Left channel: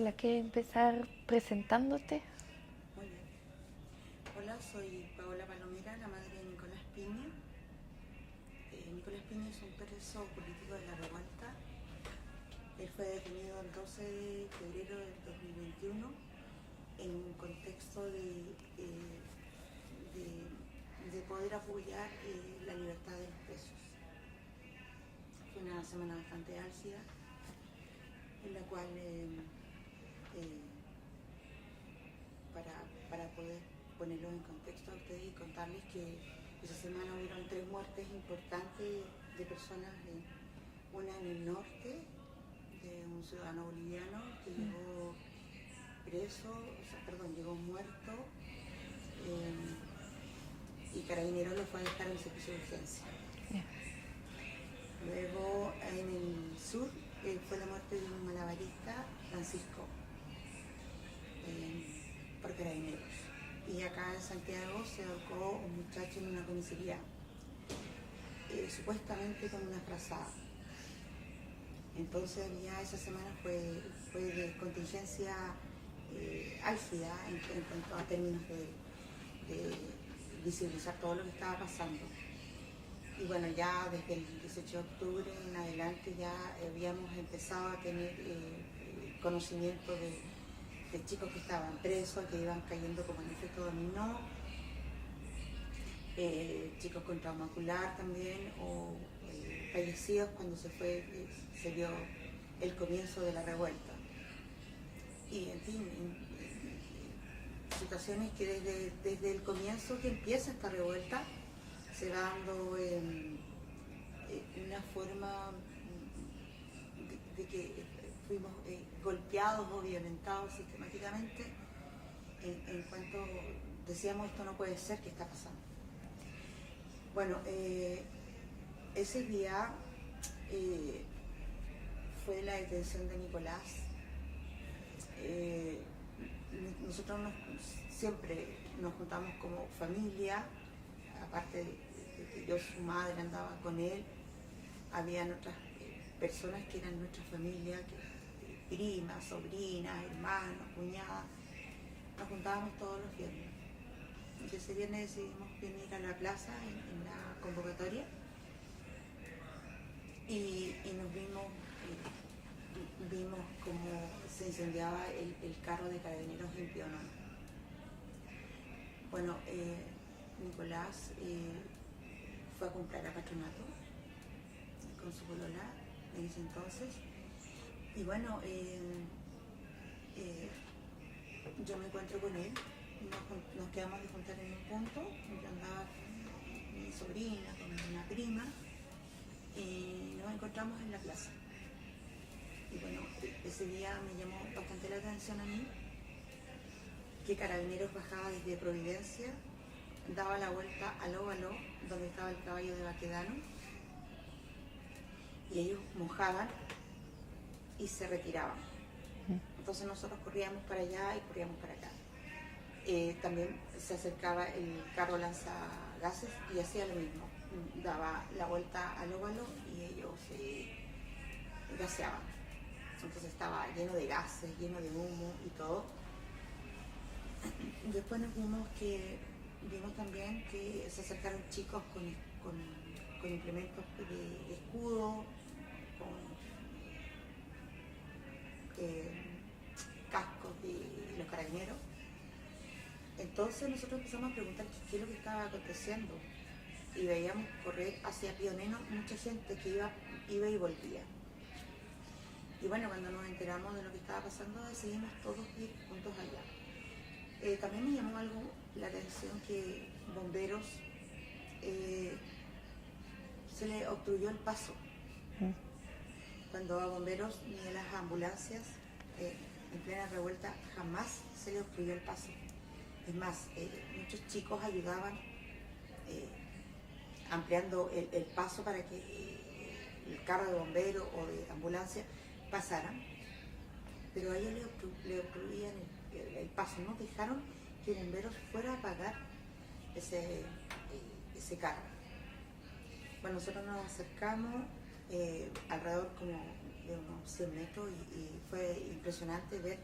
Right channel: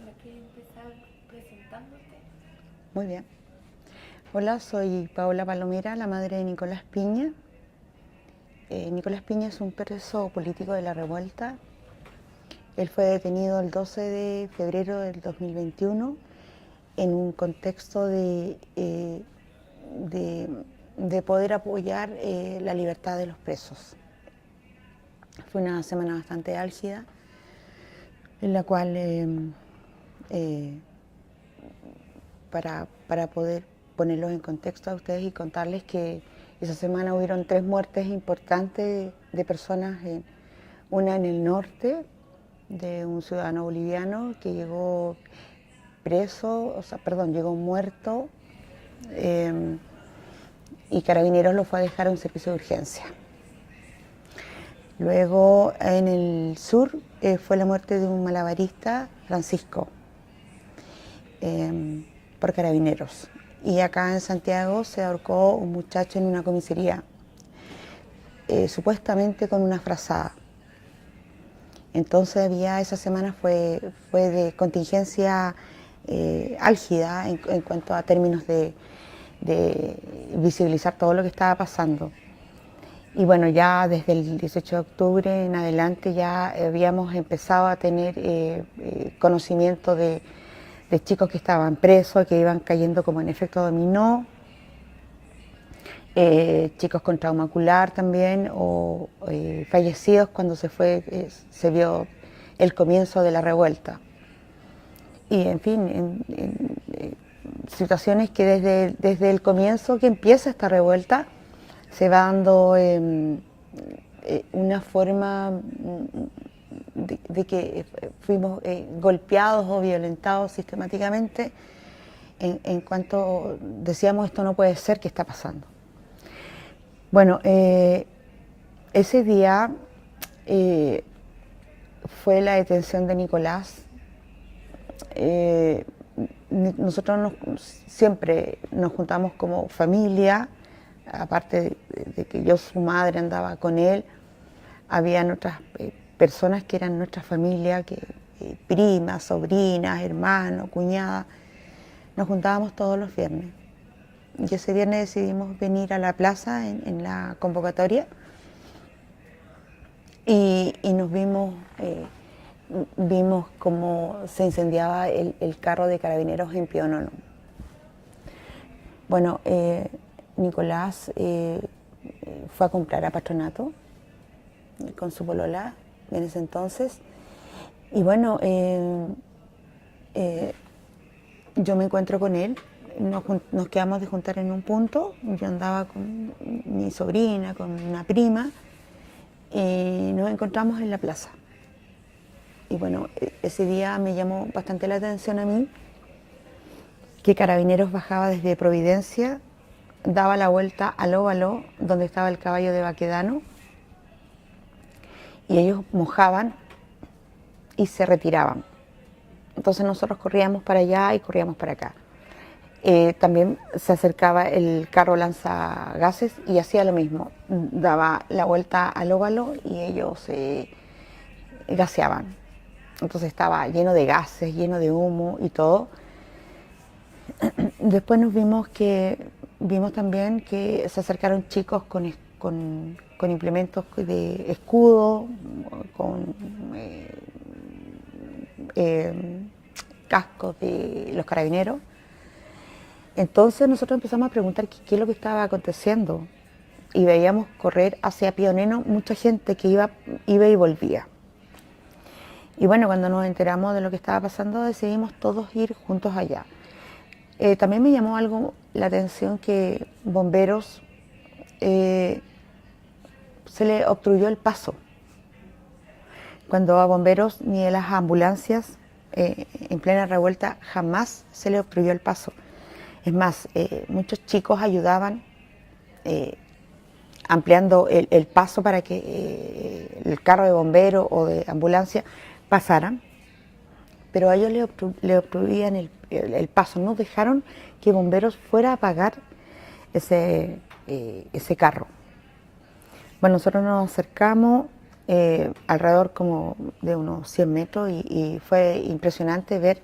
Paola, ¿quieres empezar presentándote? Muy bien. Hola, soy Paola Palomera, la madre de Nicolás Piña. Nicolás Piña es un preso político de la revuelta. Él fue detenido el 12 de febrero del 2021 en un contexto de poder apoyar la libertad de los presos. Fue una semana bastante álgida en la cual para poder ponerlos en contexto a ustedes y contarles que esa semana hubieron 3 muertes importantes de personas, una en el norte, de un ciudadano boliviano que llegó preso, llegó muerto, y Carabineros lo fue a dejar a un servicio de urgencia. Luego en el sur fue la muerte de un malabarista, Francisco, por Carabineros. Y acá en Santiago se ahorcó un muchacho en una comisaría, supuestamente con una frazada. Entonces esa semana fue de contingencia álgida en cuanto a términos de visibilizar todo lo que estaba pasando. Y bueno, ya desde el 18 de octubre en adelante ya habíamos empezado a tener conocimiento de chicos que estaban presos, que iban cayendo como en efecto dominó, chicos con trauma ocular también, o fallecidos cuando se vio el comienzo de la revuelta. Y en fin, situaciones que desde el comienzo que empieza esta revuelta se va dando una forma de que fuimos golpeados o violentados sistemáticamente en cuanto decíamos esto no puede ser, ¿qué está pasando? Bueno, ese día fue la detención de Nicolás. Nosotros siempre nos juntamos como familia, aparte de que yo, su madre, andaba con él, habían otras personas que eran nuestra familia, primas, sobrinas, hermanos, cuñadas. Nos juntábamos todos los viernes. Y ese viernes decidimos venir a la plaza en la convocatoria y nos vimos cómo se incendiaba el carro de Carabineros en Pionono. Bueno, Nicolás fue a comprar a Patronato con su polola en ese entonces. Y bueno, yo me encuentro con él, nos quedamos de juntar en un punto, yo andaba con mi sobrina, con una prima, y nos encontramos en la plaza. Y bueno, ese día me llamó bastante la atención a mí que Carabineros bajaba desde Providencia, daba la vuelta al óvalo donde estaba el caballo de Baquedano, y ellos mojaban y se retiraban. Entonces nosotros corríamos para allá y corríamos para acá. También se acercaba el carro lanzagases y hacía lo mismo, daba la vuelta al óvalo y ellos gaseaban. Entonces estaba lleno de gases, lleno de humo y todo. Después vimos también que se acercaron chicos con implementos de escudo, con cascos de los carabineros. Entonces nosotros empezamos a preguntar qué es lo que estaba aconteciendo y veíamos correr hacia Pioneno mucha gente que iba y volvía. Y bueno, cuando nos enteramos de lo que estaba pasando decidimos todos ir juntos allá. También me llamó algo la atención que bomberos se le obstruyó el paso. Cuando a bomberos ni a las ambulancias en plena revuelta jamás se le obstruyó el paso. Es más, muchos chicos ayudaban ampliando el paso para que el carro de bombero o de ambulancia pasaran, pero a ellos le obstruían el paso, no dejaron que bomberos fuera a apagar ese carro. Bueno, nosotros nos acercamos alrededor como de unos 100 metros y fue impresionante ver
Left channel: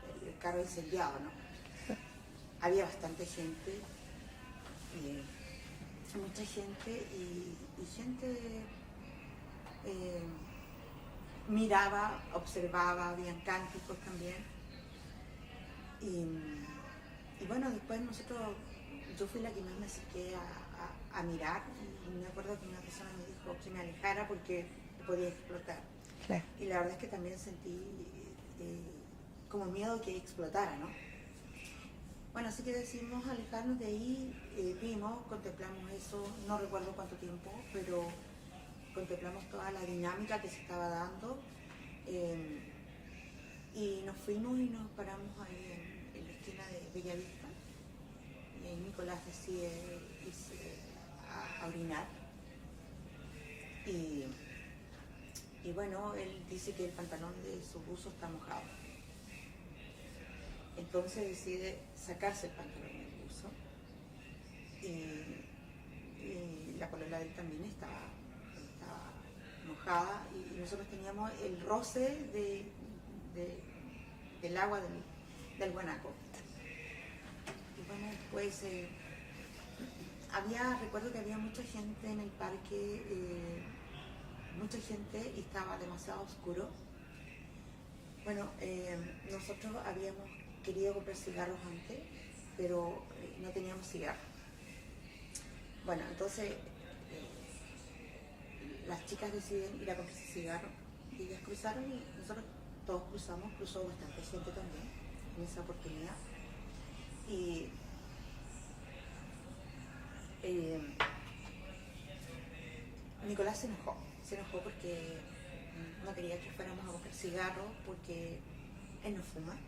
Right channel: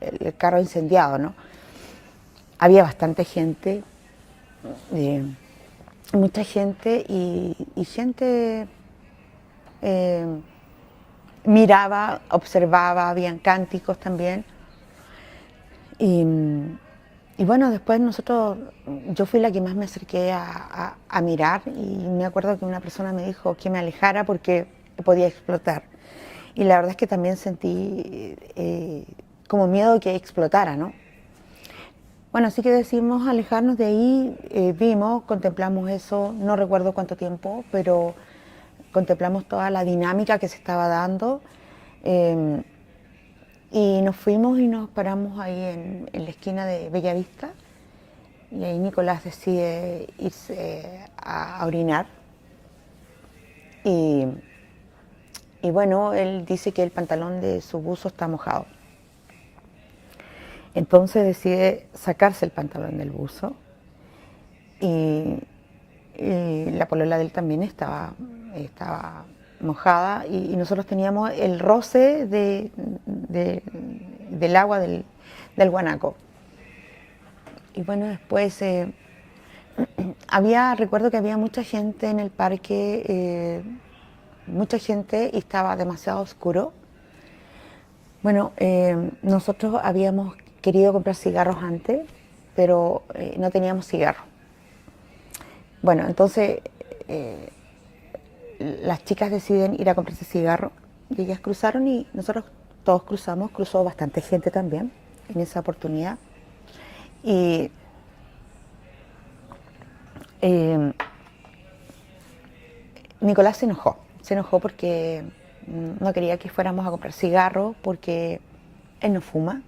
el carro incendiado, ¿no? Había bastante gente, mucha gente y gente miraba, observaba, habían cánticos también. Y, y bueno, después yo fui la que más me acerqué a mirar y me acuerdo que una persona me dijo que me alejara porque podía explotar. Y la verdad es que también sentí como miedo que explotara, ¿no? Bueno, así que decidimos alejarnos de ahí, vimos, contemplamos eso, no recuerdo cuánto tiempo, pero contemplamos toda la dinámica que se estaba dando y nos fuimos y nos paramos ahí en la esquina de Bellavista y ahí Nicolás decide irse a orinar y bueno, él dice que el pantalón de su buzo está mojado. Entonces decide sacarse el pantalón del buzo y la polola de él también estaba mojada y nosotros teníamos el roce del agua del guanaco. Y bueno, después recuerdo que había mucha gente en el parque, mucha gente y estaba demasiado oscuro. Bueno, nosotros habíamos querido comprar cigarros antes, pero no teníamos cigarros. Bueno, entonces las chicas deciden ir a comprarse cigarros y ellas cruzaron y nosotros todos cruzamos, cruzó bastante gente también en esa oportunidad. Y Nicolás se enojó porque no quería que fuéramos a comprar cigarros porque él no fuma,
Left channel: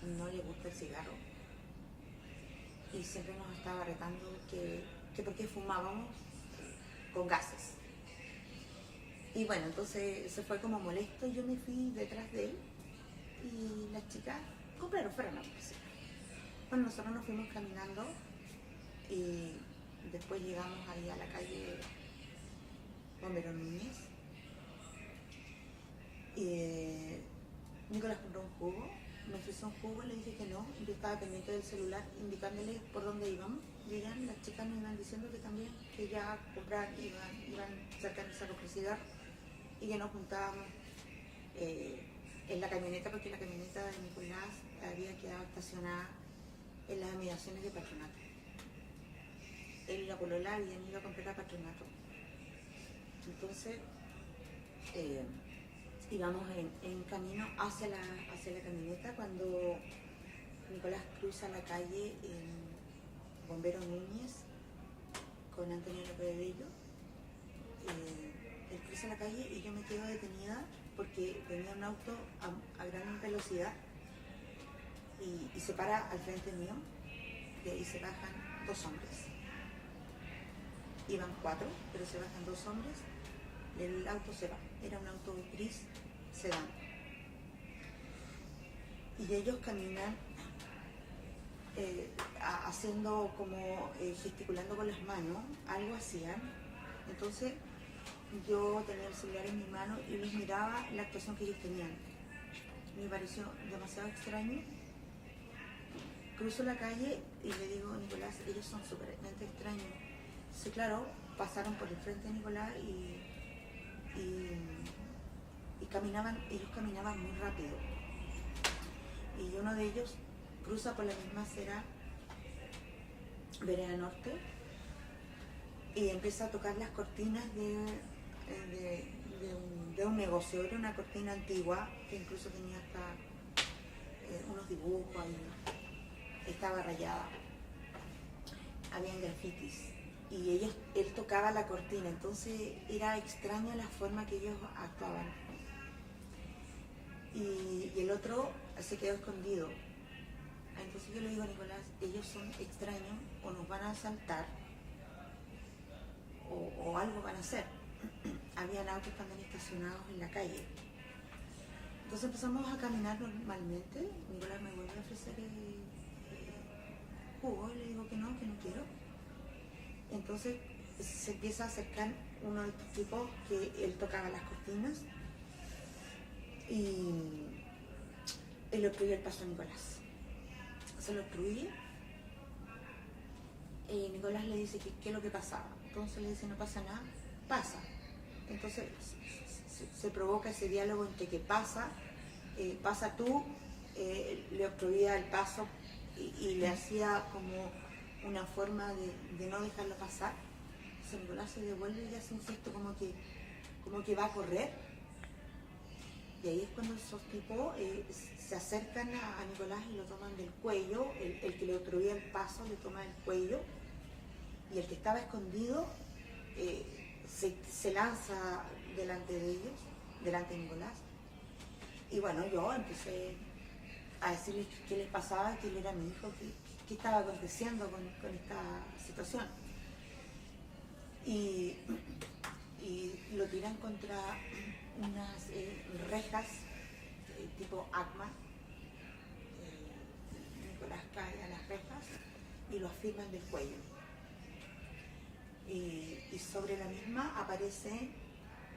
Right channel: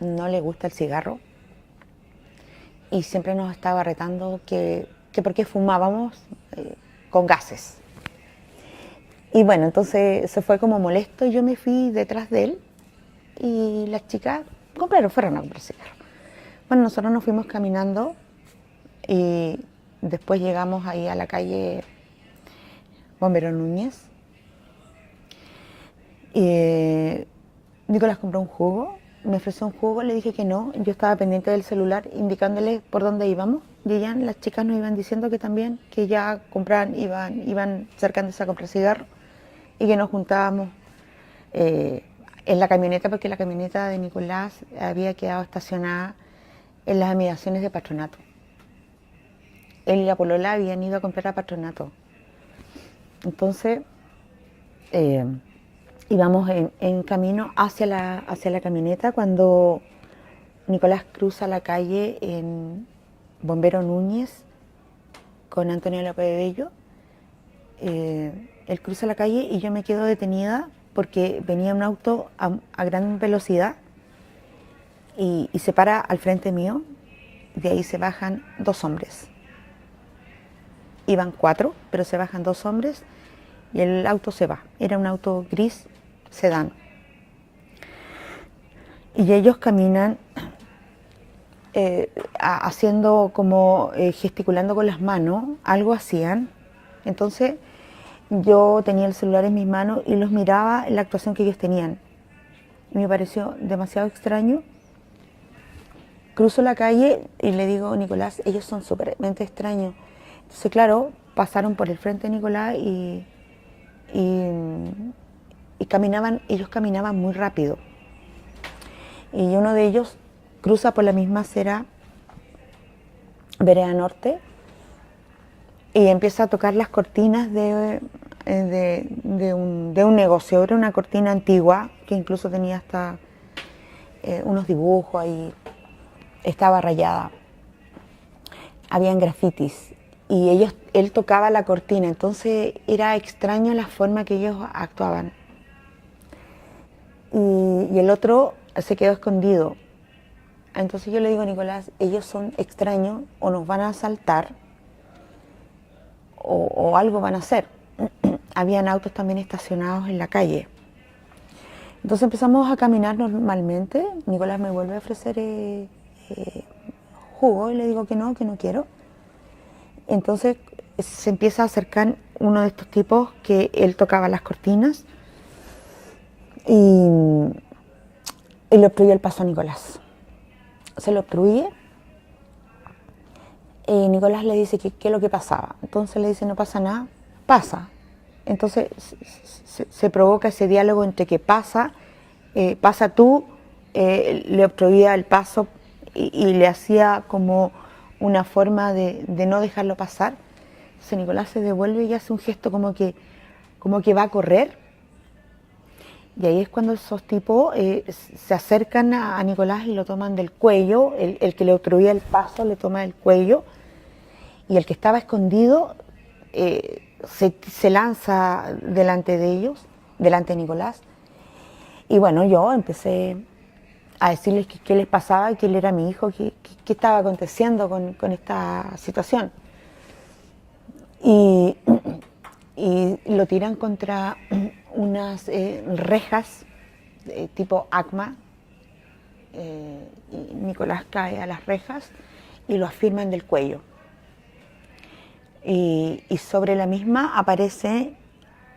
no le gusta el cigarro y siempre nos estaba retando que por qué fumábamos con gases. Y bueno, entonces se fue como molesto y yo me fui detrás de él y las chicas fueron a comprar cigarros. Bueno, nosotros nos fuimos caminando y después llegamos ahí a la calle Bombero Núñez. Y Nicolás compró un jugo, me ofreció un jugo, le dije que no, yo estaba pendiente del celular indicándole por dónde íbamos y las chicas nos iban diciendo que también, que ya compraban, iban acercándose a comprar cigarros y que nos juntábamos en la camioneta porque la camioneta de Nicolás había quedado estacionada en las inmediaciones de Patronato. Él y la polola habían ido a comprar a Patronato. Entonces íbamos en camino hacia la camioneta cuando Nicolás cruza la calle en Bombero Núñez con Antonio López de Bello. Él cruza la calle y yo me quedo detenida porque venía un auto a gran velocidad y se para al frente mío. De ahí se bajan 2 hombres. Iban 4, pero se bajan 2 hombres y el auto se va. Era un auto gris sedán. Y ellos caminan haciendo como gesticulando con las manos, algo hacían. Entonces yo tenía el celular en mis manos y los miraba en la actuación que ellos tenían. Me pareció demasiado extraño. Cruzo la calle y le digo, Nicolás, ellos son súpermente extraños. Entonces, claro, pasaron por el frente de Nicolás y ellos caminaban muy rápido. Y uno de ellos cruza por la misma acera, vereda norte, y empieza a tocar las cortinas de un negocio. Era una cortina antigua que incluso tenía hasta unos dibujos ahí, estaba rayada. Habían grafitis y él tocaba la cortina, entonces era extraño la forma que ellos actuaban. Y el otro se quedó escondido. Entonces yo le digo, Nicolás, ellos son extraños, o nos van a asaltar o algo van a hacer. Habían autos también estacionados en la calle. Entonces empezamos a caminar normalmente. Nicolás me vuelve a ofrecer jugo y le digo que no quiero. Entonces se empieza a acercar uno de estos tipos que él tocaba las cortinas y y le obstruyó el paso a Nicolás. Se lo obstruye y Nicolás le dice que qué es lo que pasaba. Entonces le dice, no pasa nada, pasa. Entonces se provoca ese diálogo entre que pasa tú, le obstruía el paso y le hacía como una forma de no dejarlo pasar. Entonces Nicolás se devuelve y hace un gesto como que va a correr. Y ahí es cuando esos tipos se acercan a Nicolás y lo toman del cuello. El que le obstruía el paso le toma el cuello. Y el que estaba escondido se lanza delante de ellos, delante de Nicolás. Y bueno, yo empecé a decirles qué les pasaba, que él era mi hijo, qué estaba aconteciendo con esta situación. Y lo tiran contra unas rejas tipo ACMA. Y Nicolás cae a las rejas y lo afirman del cuello. Y sobre la misma aparece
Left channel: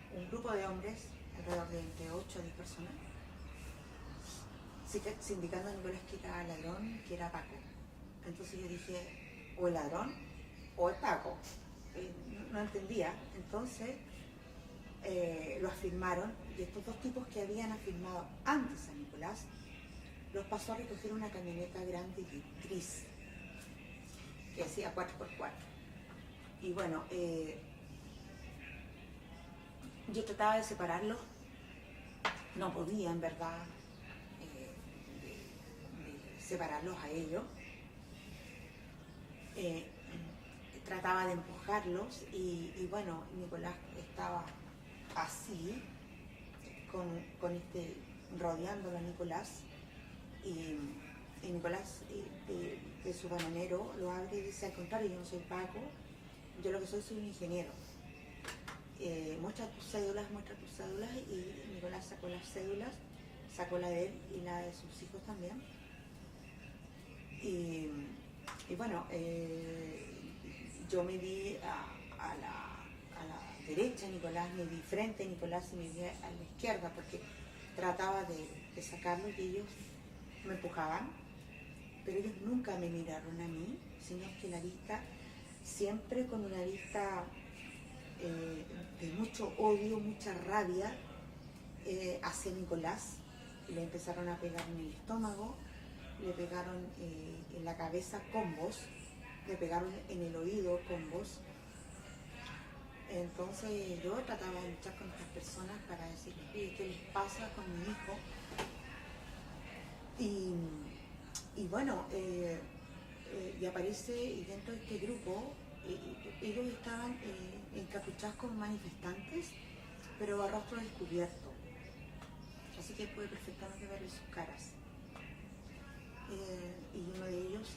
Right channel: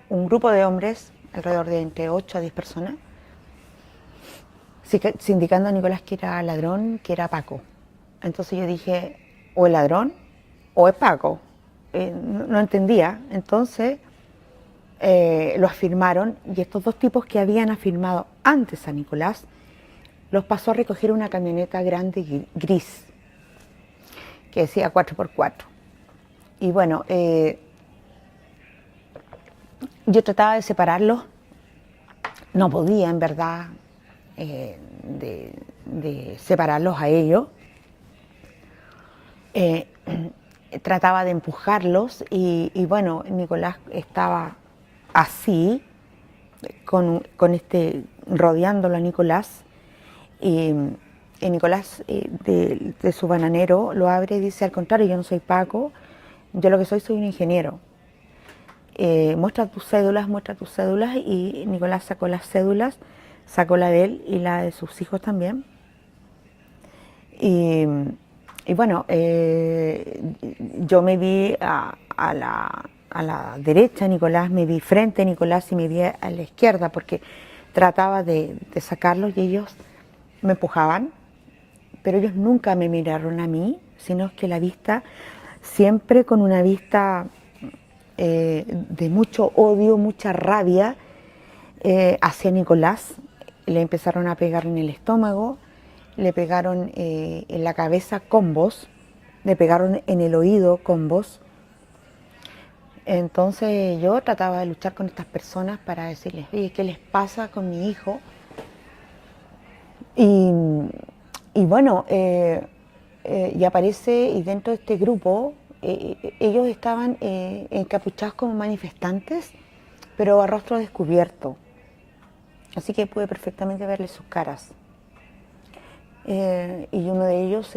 un grupo de hombres, alrededor de entre 8 a 10 personas, indicando a Nicolás que era ladrón, que era Paco. Entonces yo dije, o es ladrón o es Paco. No entendía. Entonces lo afirmaron y estos dos tipos que habían afirmado antes a Nicolás los pasó a recoger una camioneta grande gris que decía 4x4. Y bueno, yo trataba de separarlos, no podía en verdad de separarlos a ellos. Trataba de empujarlos y bueno, Nicolás estaba así, rodeándolo a Nicolás. Y Nicolás de su bananero lo abre y dice, al contrario, yo no soy Paco, yo lo que soy un ingeniero. Muestra tus cédulas, y Nicolás sacó las cédulas, sacó la de él y la de sus hijos también. Y bueno, yo me vi a la derecha, Nicolás, me vi frente a Nicolás y me vi a la izquierda porque trataba de sacarlos y ellos me empujaban, pero ellos nunca me miraron a mí, sino que la vista, siempre con una vista de mucho odio, mucha rabia hacia Nicolás. Le empezaron a pegar en el estómago, le pegaron en la cabeza combos, le pegaron en el oído combos. Entonces yo trataba de luchar con estas personas para decirles, oye, ¿qué les pasa con mi hijo? Y bueno, y aparece, y dentro de este grupo, ellos estaban encapuchados como manifestantes, pero a rostro descubierto. Así que pude perfectamente verles sus caras. Y uno de ellos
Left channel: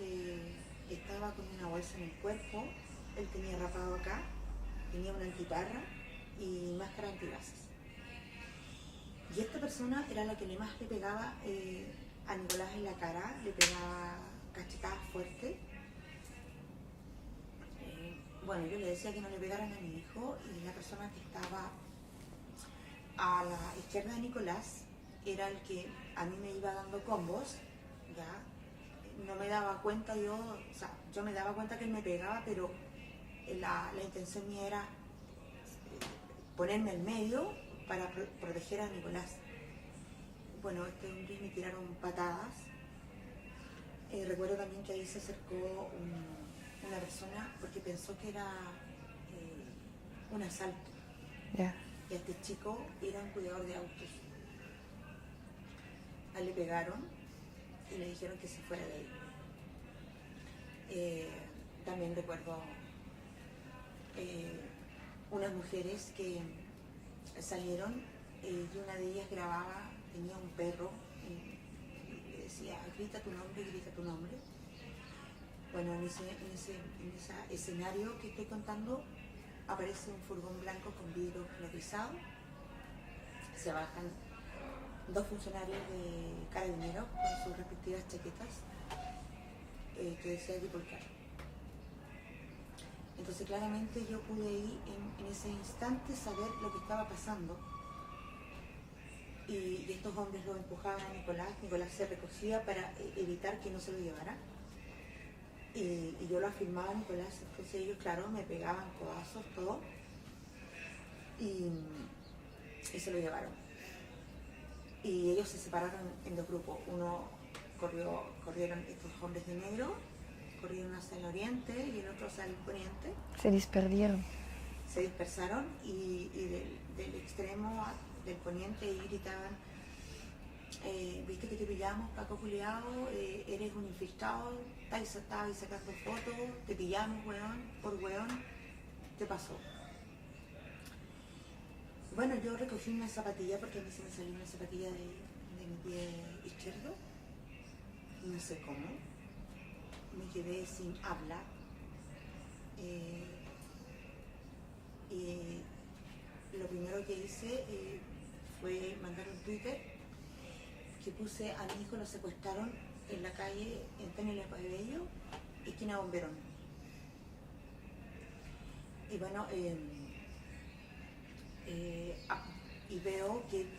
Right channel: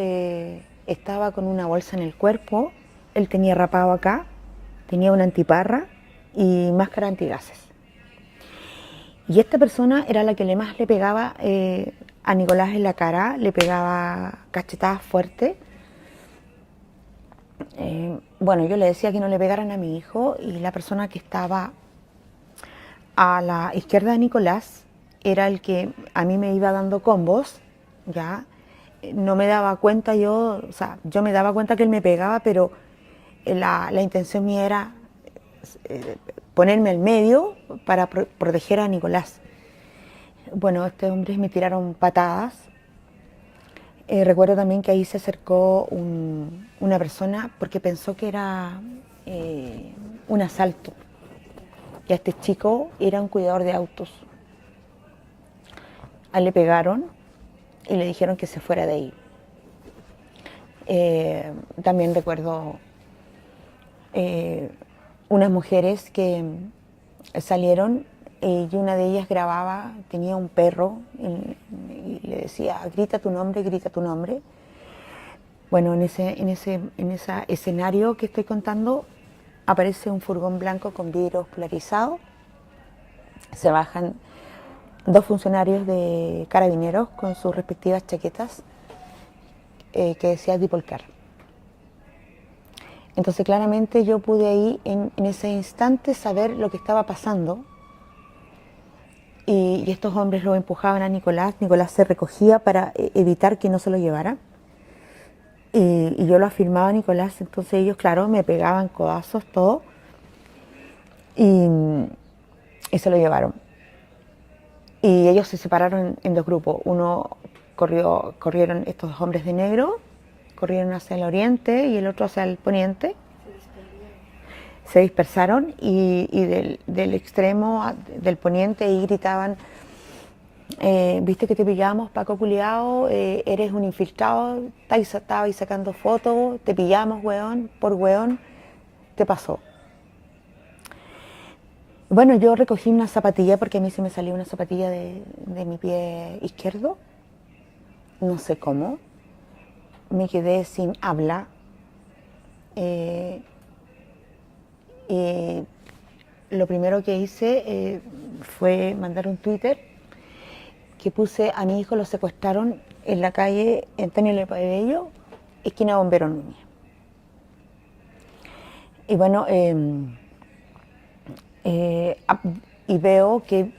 estaba con una bolsa en el cuerpo, él tenía rapado acá, tenía una antiparra y máscara antigases. Y esta persona era la que más le pegaba a Nicolás en la cara, le pegaba cachetadas fuertes. Bueno, yo le decía que no le pegaran a mi hijo y la persona que estaba a la izquierda de Nicolás era el que a mí me iba dando combos, ya. No me daba cuenta yo me daba cuenta que él me pegaba, pero la intención mía era ponerme al medio para proteger a Nicolás. Bueno, estos hombres me tiraron patadas. Recuerdo también que ahí se acercó una persona porque pensó que era un asalto. Y a este chico era un cuidador de autos. A él le pegaron y le dijeron que se fuera de ahí. También recuerdo unas mujeres que salieron y una de ellas grababa, tenía un perro y le decía, grita tu nombre, grita tu nombre. Bueno, en ese escenario que estoy contando aparece un furgón blanco con vidrios polarizados. Se bajan dos funcionarios de carabineros con sus respectivas chaquetas que decía Dipolcar. Entonces claramente yo pude ahí en ese instante saber lo que estaba pasando y estos hombres lo empujaban a Nicolás. Nicolás se recogía para evitar que no se lo llevaran. Y yo lo afirmaba a Nicolás, entonces ellos, claro, me pegaban codazos, todo, y, y se lo llevaron. Y ellos se separaron en dos grupos. Uno corrieron estos dos hombres de negro, corrieron hacia el oriente y el otro hacia el poniente. Se disperdieron. Se dispersaron y del extremo del poniente y gritaban, viste que te pillamos, Paco culiao, eres un infiltrado, estabas sacando fotos, te pillamos, weón, por weón, te pasó. Bueno, yo recogí una zapatilla porque a mí se me salió una zapatilla de mi pie izquierdo, no sé cómo, me quedé sin habla. Y lo primero que hice fue mandar un Twitter que puse: a mi hijo lo secuestraron en la calle Antonio Lepabello, esquina Bombero Núñez. Y bueno, y veo que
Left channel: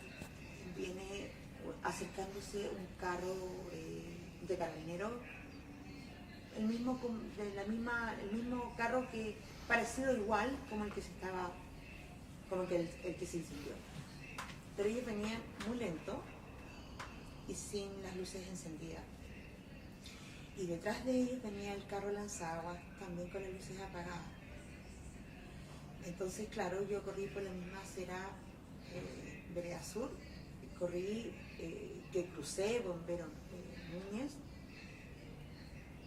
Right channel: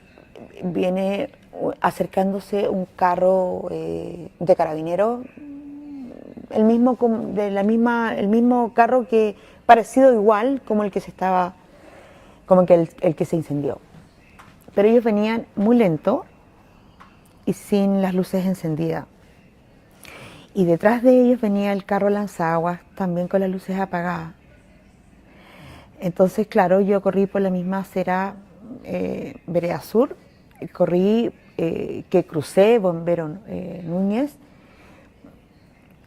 viene acercándose un carro de carabineros, el mismo carro que parecido igual como el que el que se incendió. Pero ellos venían muy lento y sin las luces encendidas. Y detrás de ellos venía el carro lanzaguas, también con las luces apagadas. Entonces, claro, yo corrí por la misma acera Vereda Sur, corrí que crucé Bombero Núñez,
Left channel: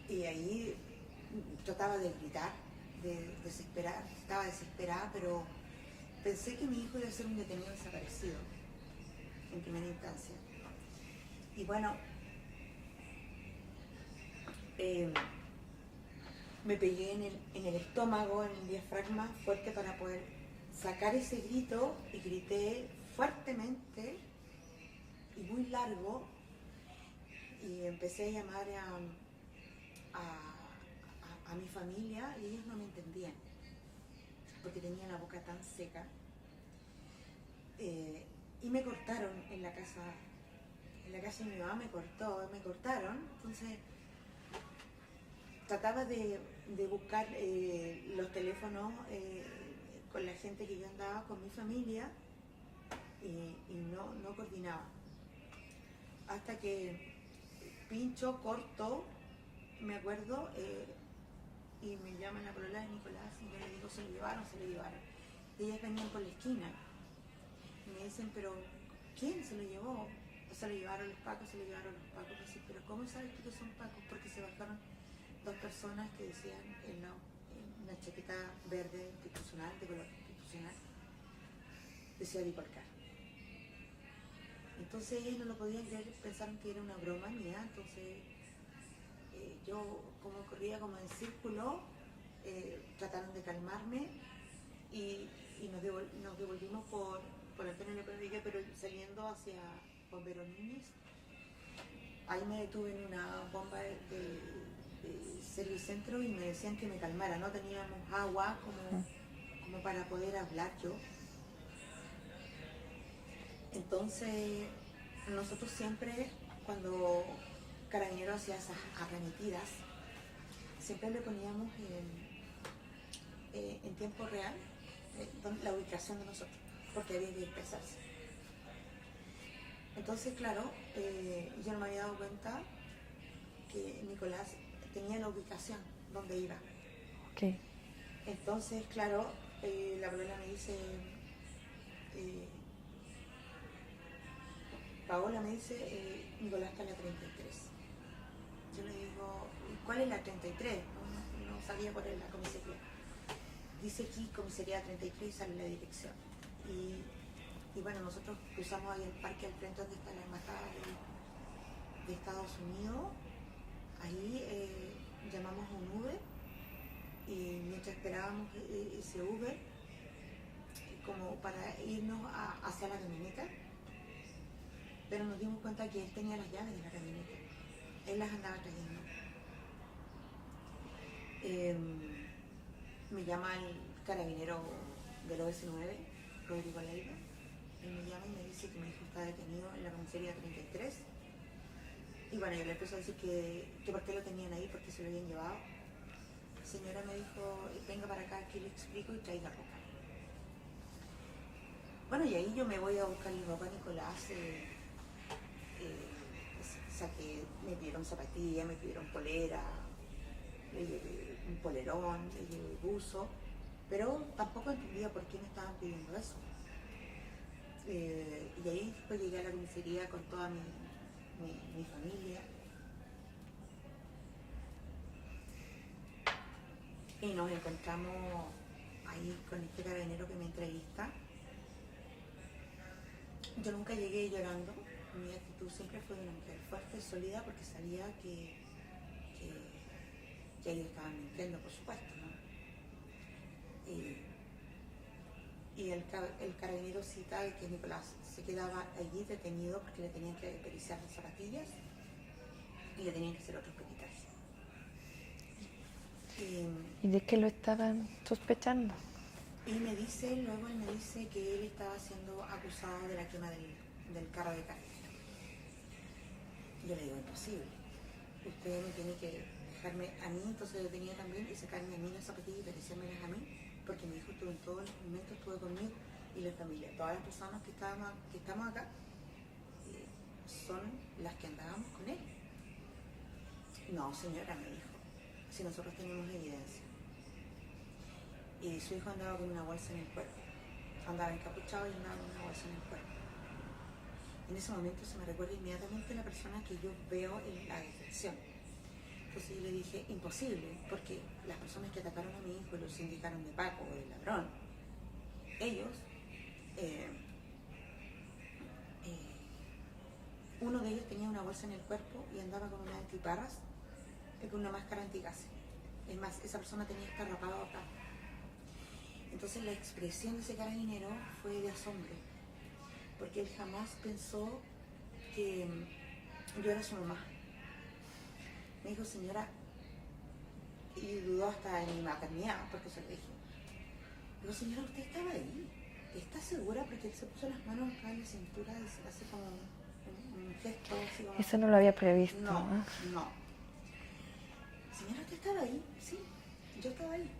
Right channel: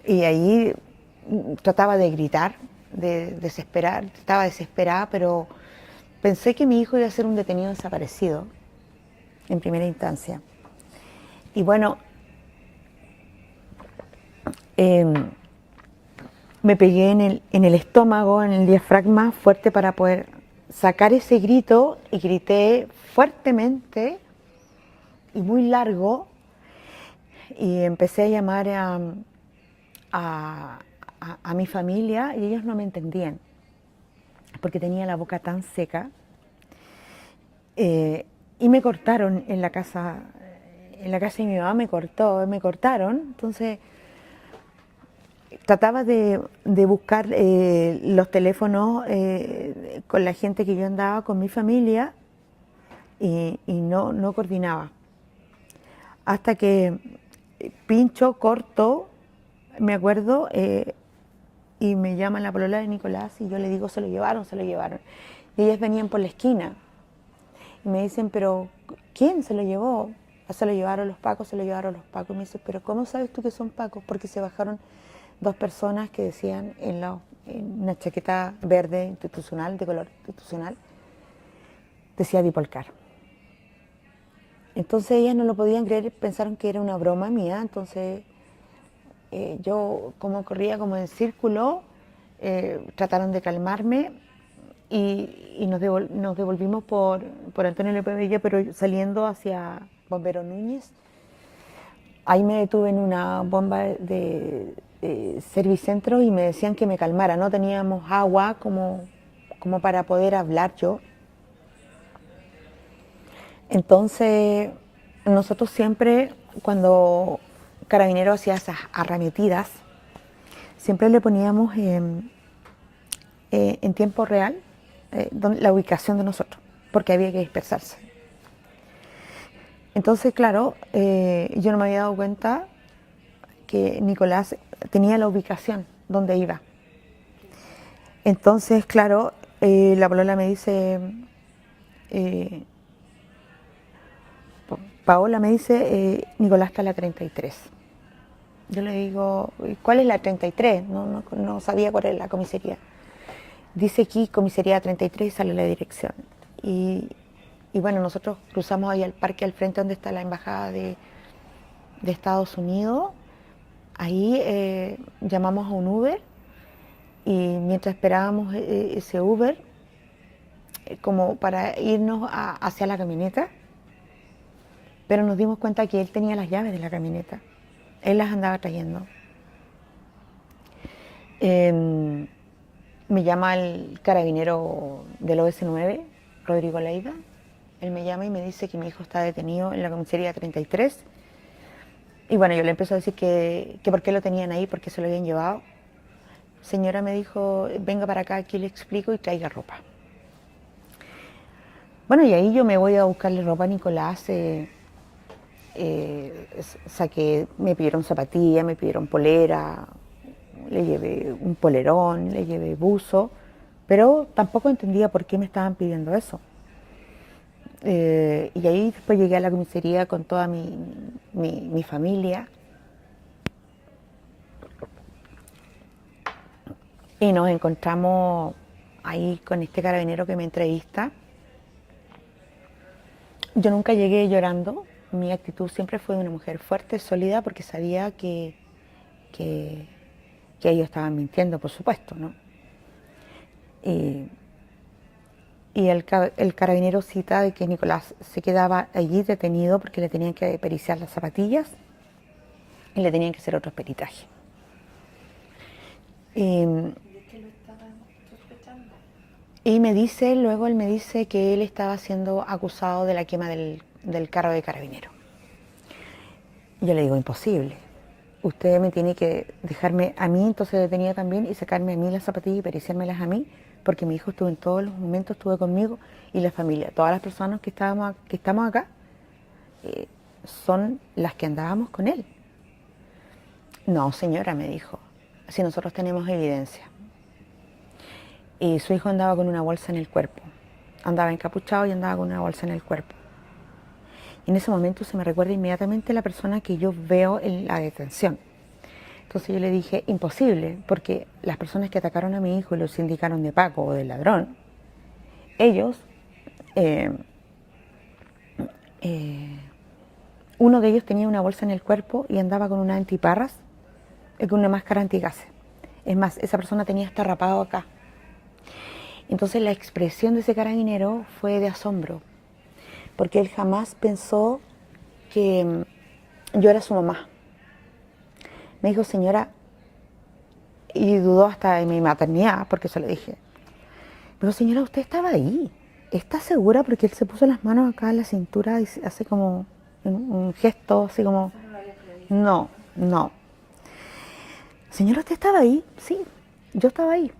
y ahí trataba de gritar, de desesperar, estaba desesperada, pero pensé que mi hijo iba a ser un detenido desaparecido en primera instancia. Y bueno, me pegué en el estómago, en el diafragma fuerte para poder sacar ese grito, y grité fuertemente y muy largo y empecé a llamar a mi familia, y ellos no me entendían porque tenía la boca tan seca. Y me cortaron en la casa de mi mamá, me cortaron. Entonces trataba de buscar los teléfonos con la gente que yo andaba, con mi familia, y no coordinaba. Hasta que pincho, corto, me acuerdo, y me llaman la polola de Nicolás y yo le digo, se lo llevaron. Y ellas venían por la esquina y me dicen, pero ¿quién se lo llevó? Se lo llevaron los pacos. Y me dice, pero ¿cómo sabes tú que son pacos? Porque se bajaron dos personas que decían en una chaqueta verde institucional, de color institucional, decía Dipolcar. Entonces ellas no lo podían creer, pensaron que era una broma mía. Entonces yo, como corría como en círculo, trataron de calmarme y nos devolvimos por Antonio Lepabello, pero saliendo hacia Bombero Núñez. Ahí me detuve en una bomba de Servicentro y me decían que me calmara. No teníamos agua como para poder hablar yo. Entonces, nosotros siempre, cuando Carabineros hacía esas arremetidas, siempre le poníamos en tiempo real la ubicación de nosotros, porque había que dispersarse. Entonces, claro, yo no me había dado cuenta que Nicolás tenía la ubicación donde iba. Okay. Entonces, claro, la polola me dice, Paola me dice, Nicolás está en la 33. Yo le digo, ¿cuál es la 33? No sabía cuál era la comisaría. Dice aquí comisaría 33, sale la dirección. Y bueno, nosotros cruzamos ahí al parque al frente donde está la embajada de Estados Unidos. Ahí llamamos a un Uber y mientras esperábamos ese Uber, como para irnos hacia la camioneta, pero nos dimos cuenta que él tenía las llaves de la camioneta. Él las andaba trayendo. Me llama el carabinero del OS9, Rodrigo Leiva, Él me llama y me dice que mi hijo está detenido en la comisaría 33. Y bueno, yo le empiezo a decir que por qué lo tenían ahí, por qué se lo habían llevado. Señora me dijo, venga para acá, aquí le explico y traiga ropa. Bueno, y ahí yo me voy a buscarle ropa a Nicolás. Saqué, me pidieron zapatillas, me pidieron polera, le llevé un polerón, le llevé buzo, pero tampoco entendía por qué me estaban pidiendo eso. Y ahí después llegué a la comisaría con toda mi familia y nos encontramos ahí con este carabinero que me entrevista. Yo nunca llegué llorando, mi actitud siempre fue de una mujer fuerte, sólida, porque sabía que, que ellos estaban mintiendo, por supuesto, ¿no? Y, y el carabinero cita de que Nicolás se quedaba allí detenido porque le tenían que periciar las zapatillas y le tenían que hacer otros peritajes. ¿Y de qué lo estaban sospechando? Y me dice, luego él me dice que él estaba siendo acusado de la quema del carro de carabinero. Yo le digo, imposible. Usted me tiene que dejarme a mí, entonces detenida también, y sacarme a mí las zapatillas y periciármelas a mí, porque mi hijo estuvo en todos los momentos, estuvo conmigo, y la familia, todas las personas que estamos acá, son las que andábamos con él. No, señora, me dijo, si nosotros tenemos evidencia. Y su hijo andaba con una bolsa en el cuerpo, andaba encapuchado y andaba con una bolsa en el cuerpo. Y en ese momento se me recuerda inmediatamente la persona que yo veo en la detención. Entonces yo le dije, imposible, porque las personas que atacaron a mi hijo y lo sindicaron de Paco o de ladrón, ellos, eh, uno de ellos tenía una bolsa en el cuerpo y andaba con una antiparras, con una máscara antigases. Es más, esa persona tenía hasta rapado acá. Entonces la expresión de ese carabinero fue de asombro, porque él jamás pensó que yo era su mamá. Me dijo, señora, y dudó hasta de mi maternidad, porque se lo dije. Pero señora, usted estaba ahí. ¿Está segura? Porque él se puso las manos acá en la cintura y hace como un gesto, así como... Eso no lo había previsto. No, no. Señora, ¿usted estaba ahí? Sí, yo estaba ahí.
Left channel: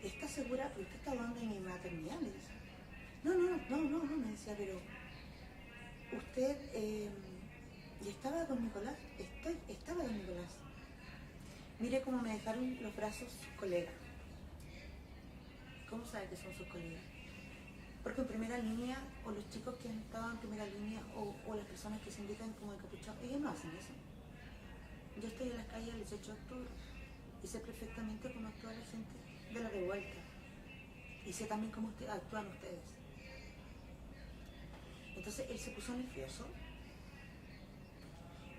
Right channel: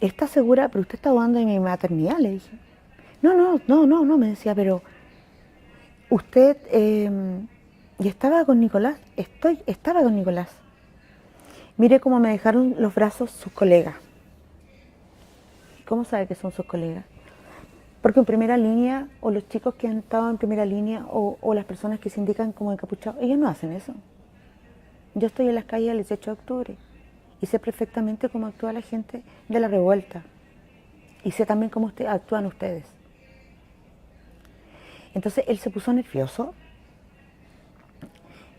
¿Está segura? Pero usted está dudando de mi maternidad, le dije. No, me decía, pero usted... ¿y estaba con Nicolás? Estaba con Nicolás. Mire cómo me dejaron los brazos sus colegas. ¿Cómo sabe que son sus colegas? Porque en primera línea, o los chicos que han estado en primera línea, o las personas que se indican como encapuchados, ellos no hacen eso. Yo estoy en las calles el 18 de octubre y sé perfectamente cómo actúa la gente de la revuelta. Y sé también cómo actúan ustedes. Entonces él se puso nervioso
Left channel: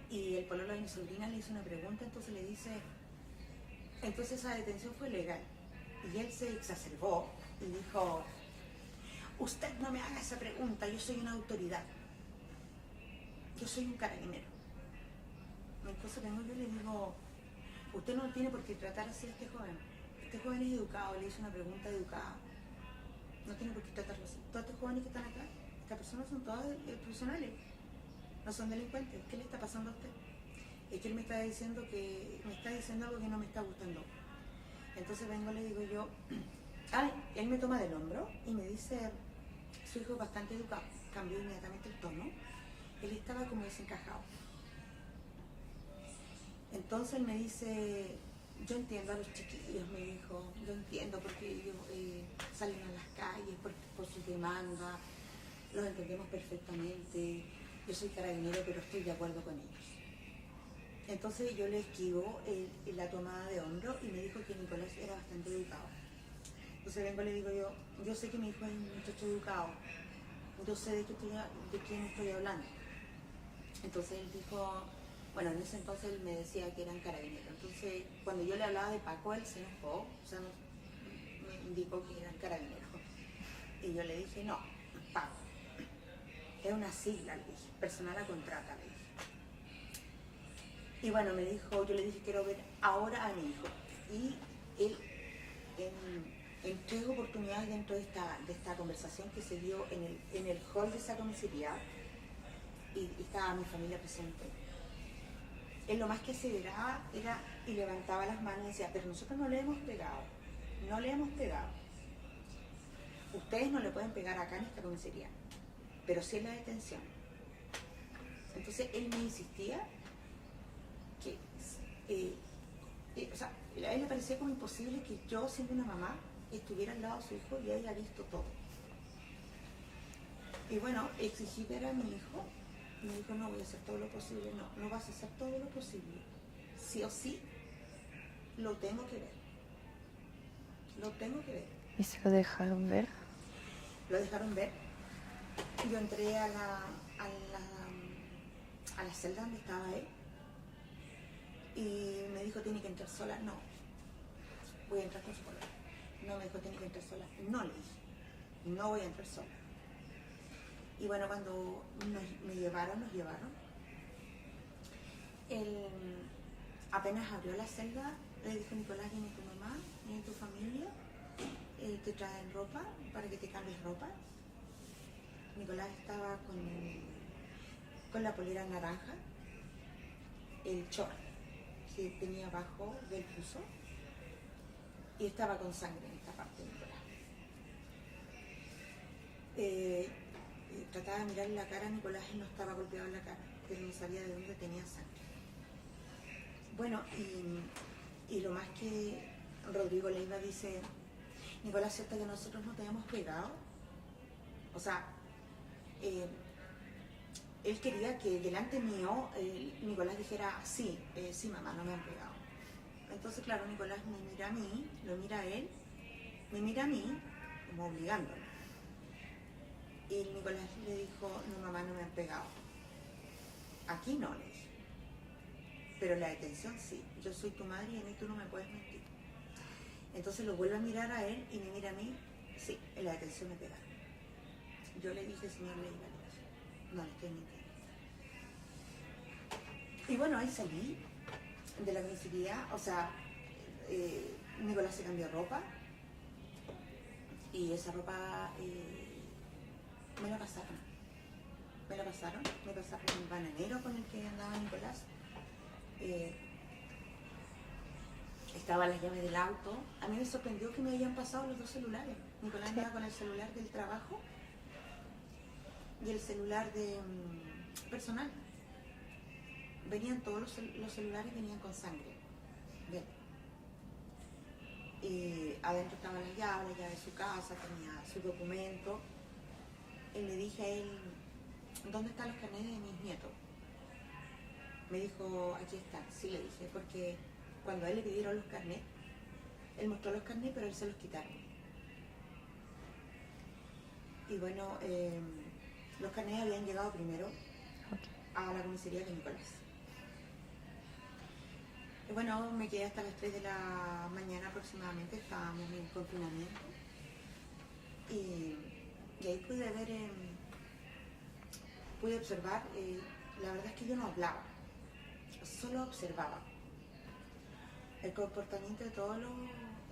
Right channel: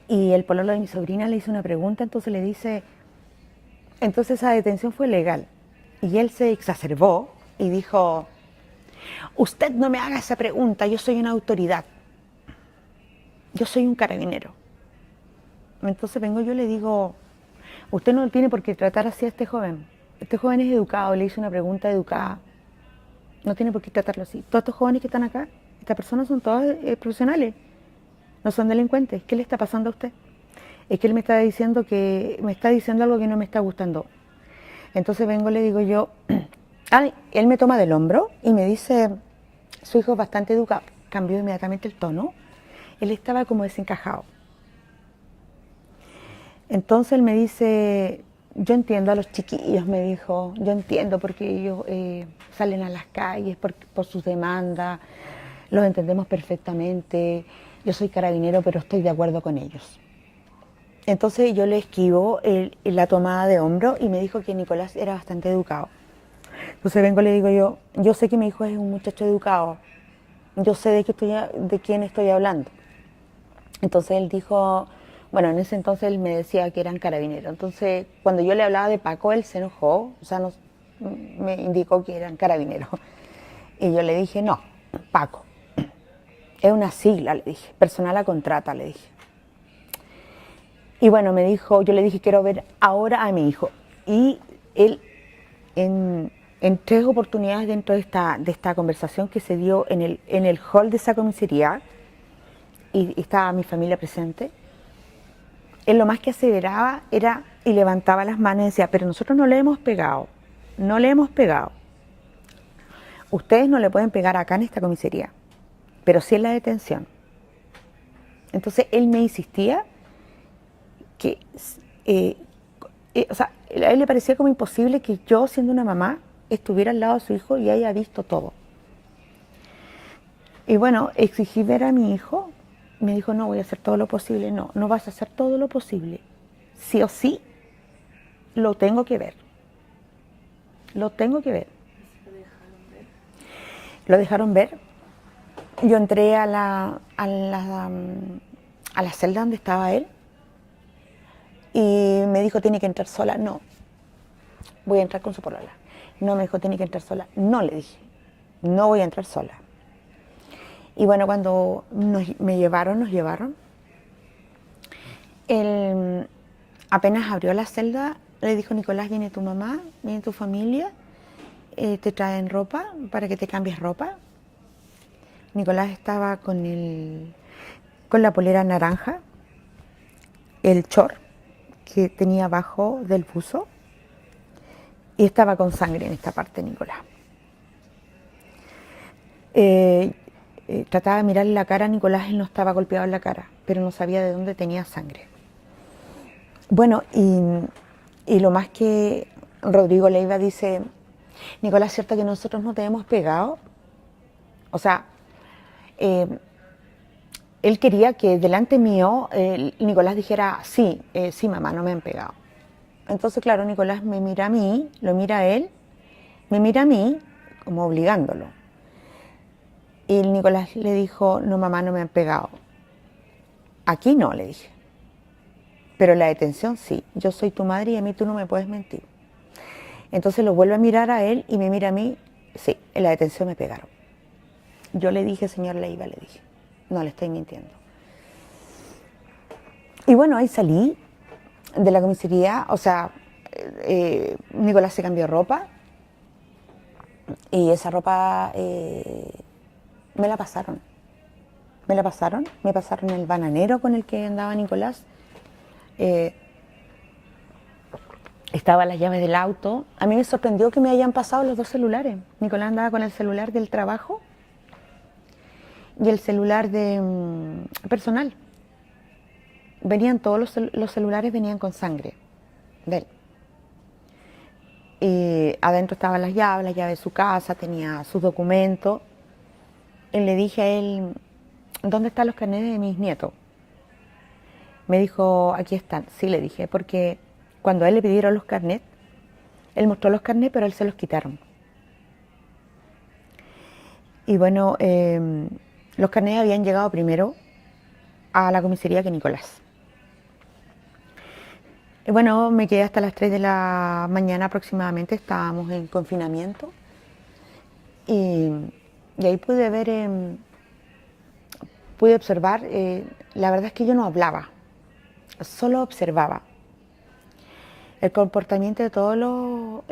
y el pololo de mi sobrina le hizo una pregunta, entonces le dice, entonces esa detención fue legal. Y él se exacerbó y dijo, usted no me haga esa pregunta, yo soy una autoridad. Yo soy un carabinero. Entonces vengo yo y le digo, usted no tiene por qué tratar así a este joven. Este joven es educado, le hice una pregunta educada. No tiene por qué tratarlo así. Todos estos jóvenes que están acá, estas personas son todas profesionales, no son delincuentes. ¿Qué le está pasando a usted? Es que él me está diciendo algo que no me está gustando. Entonces vengo y le digo yo, él me toma del hombro y me dice, su hijo es bastante educado. Cambió inmediatamente el tono. Él estaba como desencajado. Entonces él me dice, yo entiendo a los chiquillos, me dijo, yo entiendo porque ellos salen a las calles por sus demandas, los entendemos perfectamente, yo soy carabinero pero estoy de acuerdo con ellos. Entonces yo le esquivo la tomada de hombro y me dijo que Nicolás era bastante educado. Entonces vengo y le digo yo sé que mi hijo es un muchacho educado, yo sé de quién estoy hablando. Entonces él dijo, bueno, en ese entonces él me decía que eran carabineros. Entonces cuando yo le hablaba de Paco, él se enojó, o sea, me indicó que eran carabineros. Y yo le dije, no, Paco, es una sigla, le dije, personal a contrata, le dije. Y bueno, me dijo, yo le dije, quiero ver ahora a mi hijo. Y él, en 3 oportunidades dentro de esta conversación que se dio en el hall de esa comisaría, y estaba mi familia presente, él lo más que aseveraba era y levantaba las manos y decía, pero nosotros no le hemos pegado, no le hemos pegado. Ustedes no le pueden pegar acá en esta comisaría, pero sí en la detención. Entonces él me insistía que, o sea, a él le parecía como imposible que yo, siendo una mamá, estuviera al lado de su hijo y haya visto todo. Y bueno, exigí ver a mi hijo. Me dijo, no, voy a hacer todo lo posible. No, no vas a hacer todo lo posible. Sí o sí, lo tengo que ver. Lo tengo que ver. ¿Y si lo dejaron ver? Lo dejaron ver. Yo entré a la celda donde estaba él y me dijo, tiene que entrar sola. No, voy a entrar con su polola. No, me dijo, tiene que entrar sola. No, le dije, no voy a entrar sola. Y bueno, cuando nos llevaron, él apenas abrió la celda, le dijo, Nicolás, viene tu mamá, viene tu familia, te traen ropa para que te cambies ropa. Nicolás estaba con la polera naranja, el short que tenía abajo del buzo, y estaba con sangre en esta parte, Nicolás. Trataba de mirarle la cara a Nicolás, él no estaba golpeado en la cara, pero no sabía de dónde tenía sangre. Bueno, y lo más que Rodrigo Leiva dice, Nicolás, ¿cierto que nosotros no te hemos pegado? O sea, él quería que delante mío Nicolás dijera, sí, sí mamá, no me han pegado. Entonces, claro, Nicolás me mira a mí, lo mira a él, me mira a mí, como obligándolo. Y Nicolás le dijo, no mamá, no me han pegado. Aquí no, le dije. Pero en la detención sí, yo soy tu madre y a mí tú no me puedes mentir. Entonces lo vuelve a mirar a él y me mira a mí, sí, en la detención me pegaron. Yo le dije, señor Leiva, le dije, no le estoy mintiendo. Y bueno, ahí salí de la comisaría, o sea, Nicolás se cambió ropa y esa ropa me la pasaron. Me pasaron el bananero con el que andaba Nicolás. Estaban las llaves del auto. A mí me sorprendió que me hayan pasado los 2 celulares. Nicolás andaba con el celular del trabajo y el celular personal. Venían todos los celulares venían con sangre de él. Y adentro estaban las llaves de su casa, tenía sus documentos. Y le dije a él, ¿dónde están los carnets de mis nietos? Me dijo, aquí están. Sí, le dije, porque cuando a él le pidieron los carnets, él mostró los carnets, pero a él se los quitaron. Y bueno, los carnets habían llegado primero a la comisaría que Nicolás. Y bueno, me quedé hasta las 3 de la mañana aproximadamente, estábamos en confinamiento. Y ahí pude ver, pude observar, la verdad es que yo no hablaba, solo observaba el comportamiento de todos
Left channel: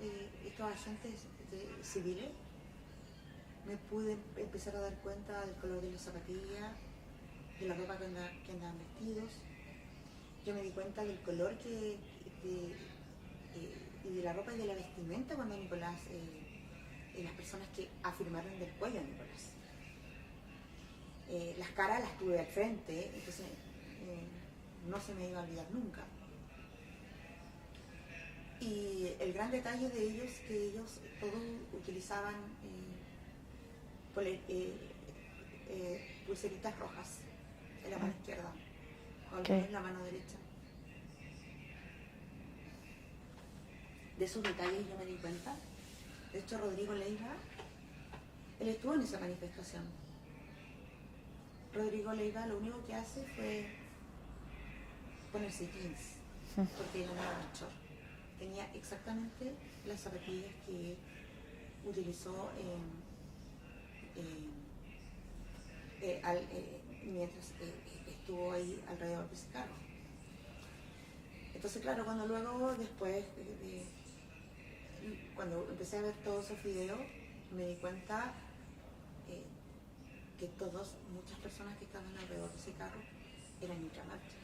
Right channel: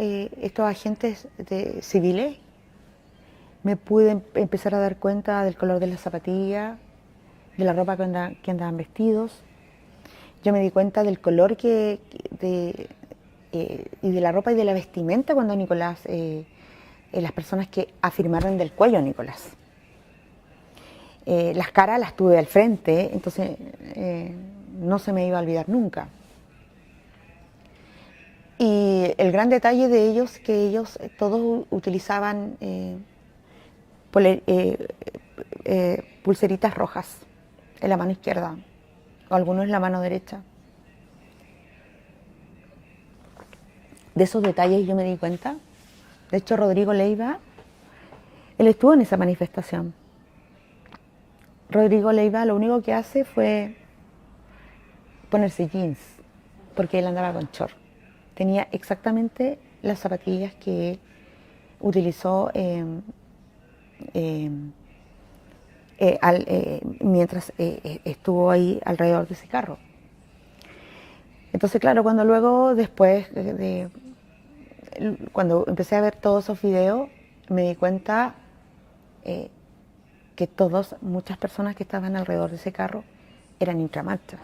estos agentes civiles. Me pude empezar a dar cuenta del color de las zapatillas, de la ropa que andaban vestidos. Yo me di cuenta del color y de la ropa y de la vestimenta cuando Nicolás, las personas que afirmaron del cuello a Nicolás. Las caras las tuve al frente, entonces no se me iba a olvidar nunca. Y el gran detalle de ellos, que ellos todos utilizaban pulseritas rojas en la mano izquierda, o algunos en la mano derecha. De esos detalles yo me di cuenta. De hecho, Rodrigo Leiva, él estuvo en esa manifestación. Rodrigo Leiva lo único que hace fue ponerse jeans, porque él andaba con short. Tenía exactamente las zapatillas que él utilizó mientras estuvo ahí alrededor de ese carro. Entonces, claro, cuando luego después cuando empecé a ver todos esos videos, me di cuenta que muchas personas que estaban alrededor de ese carro eran intramarchas.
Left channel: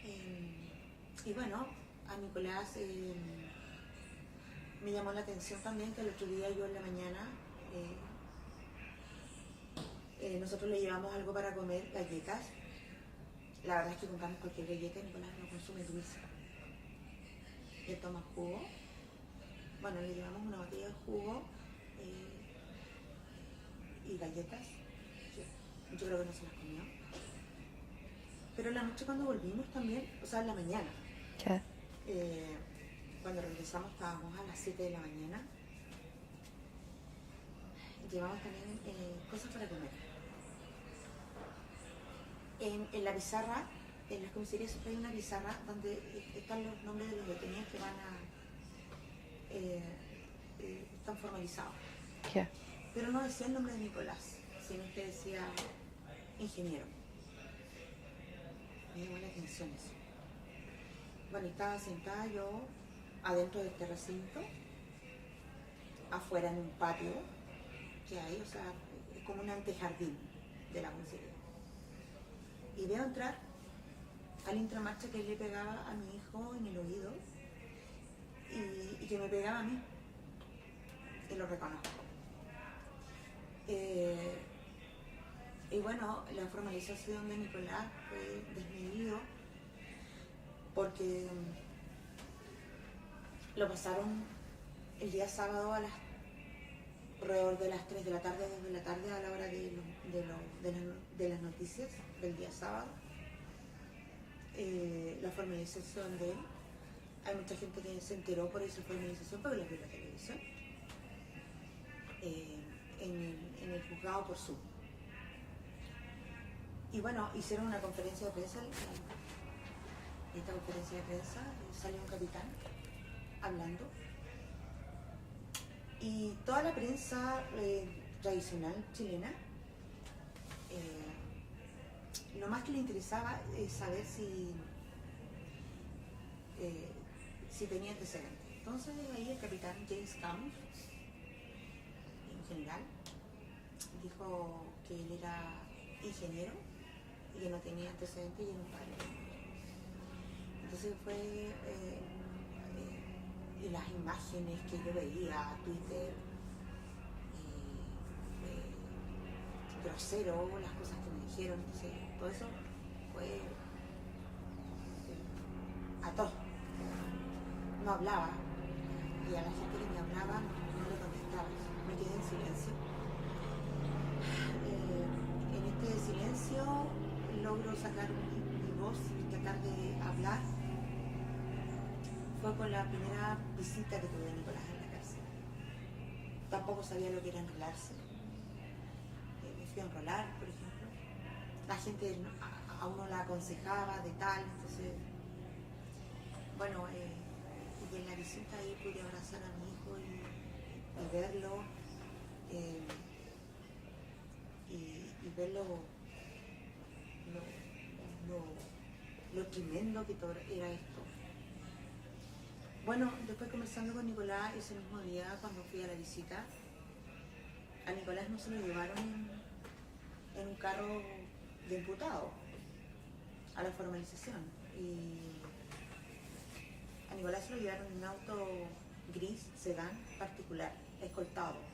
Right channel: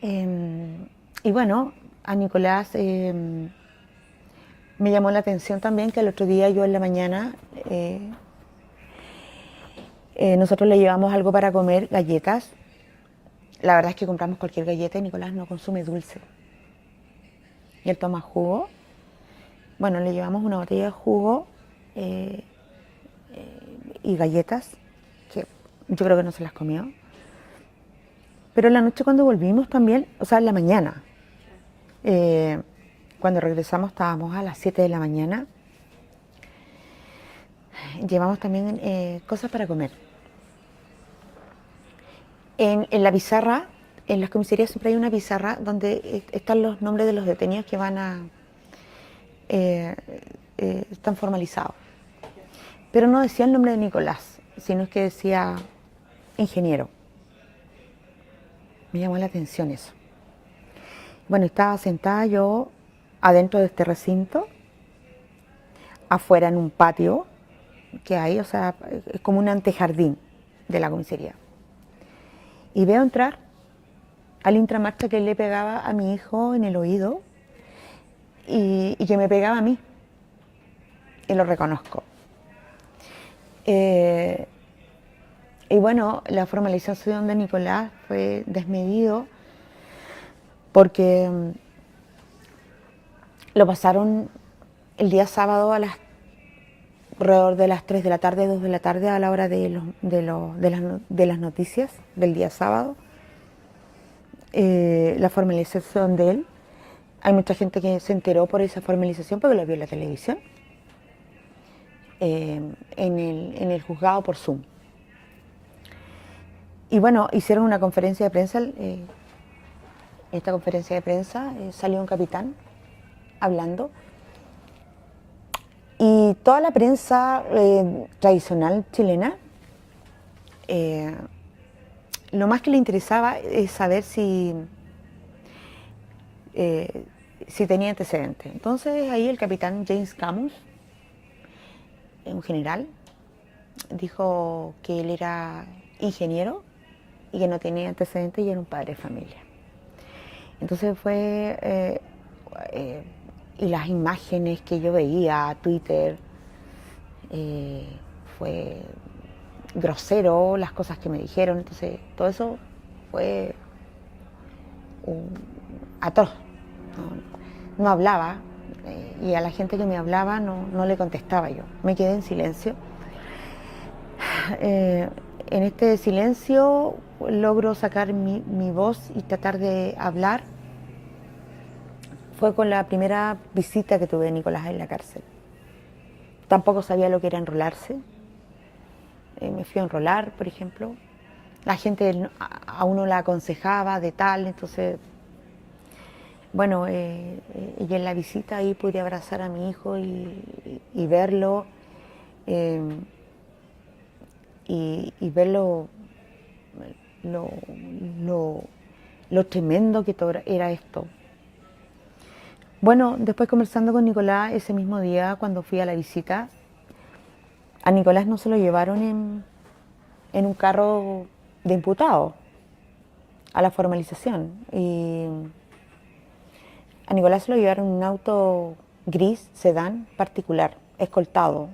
Y bueno, a Nicolás me llamó la atención también que el otro día yo en la mañana nosotros le llevamos algo para comer, galletas. La verdad es que compramos cualquier galleta y Nicolás no consume dulce. Y él toma jugo. Bueno, le llevamos una botella de jugo y galletas, que yo creo que no se las comió. Pero en la noche cuando volvimos también, o sea, en la mañana, cuando regresamos estábamos a las 7 de la mañana, llevamos también cosas para comer. En la pizarra, en las comisarías siempre hay una pizarra donde están los nombres de los detenidos que van a... están formalizados. Pero no decía el nombre de Nicolás, sino que decía ingeniero. Me llamó la atención eso. Bueno, estaba sentada yo adentro de este recinto, afuera en un patio que hay, o sea, es como un antejardín de la comisaría. Y veo entrar al intramarcha que le pegaba a mi hijo en el oído y que me pegaba a mí. Y lo reconozco. Y bueno, la formalización de Nicolás fue desmedido porque lo pasaron el día sábado alrededor de las 3 de la tarde, 2 de la tarde, a la hora de las noticias del día sábado. La formalización de él. Hay mucha gente que se enteró por esa formalización porque lo vio en la televisión. En el juzgado por Zoom. Y bueno, hicieron una conferencia de prensa. Esta conferencia de prensa salió un capitán hablando. Y toda la prensa tradicional chilena, lo más que le interesaba es saber si tenía antecedentes. Entonces ahí el capitán James Camus, un general, dijo que él era ingeniero y que no tenía antecedentes y era un padre de familia. Entonces fue... y las imágenes que yo veía, Twitter, fue grosero, las cosas que me dijeron, entonces todo eso fue atroz. No hablaba, y a la gente que me hablaba no le contestaba yo, me quedé en silencio. En este silencio logro sacar mi voz y tratar de hablar. Fue con la primera visita que tuve de Nicolás en la cárcel. Tampoco sabía lo que era enrolarse. Me fui a enrolar, por ejemplo. La gente a uno la aconsejaba de tal, entonces, bueno, y en la visita ahí pude abrazar a mi hijo y verlo, y ver lo tremendo que era esto. Bueno, después conversando con Nicolás ese mismo día cuando fui a la visita, a Nicolás no se lo llevaron en un carro de imputado a la formalización. Y a Nicolás se lo llevaron en un auto gris, sedán, particular, escoltado.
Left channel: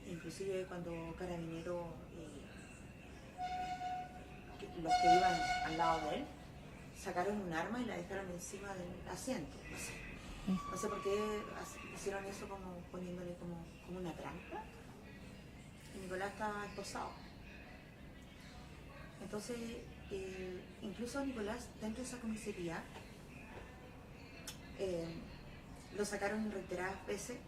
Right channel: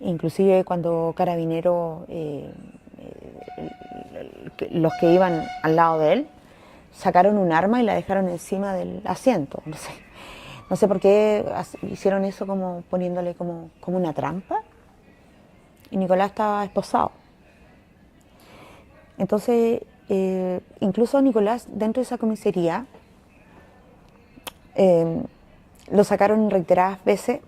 Inclusive cuando Carabineros, los que iban al lado de él, sacaron un arma y la dejaron encima del asiento. No sé por qué hicieron eso, como poniéndole como una trampa. Y Nicolás estaba esposado. Entonces, incluso Nicolás, dentro de esa comisaría, lo sacaron en reiteradas veces,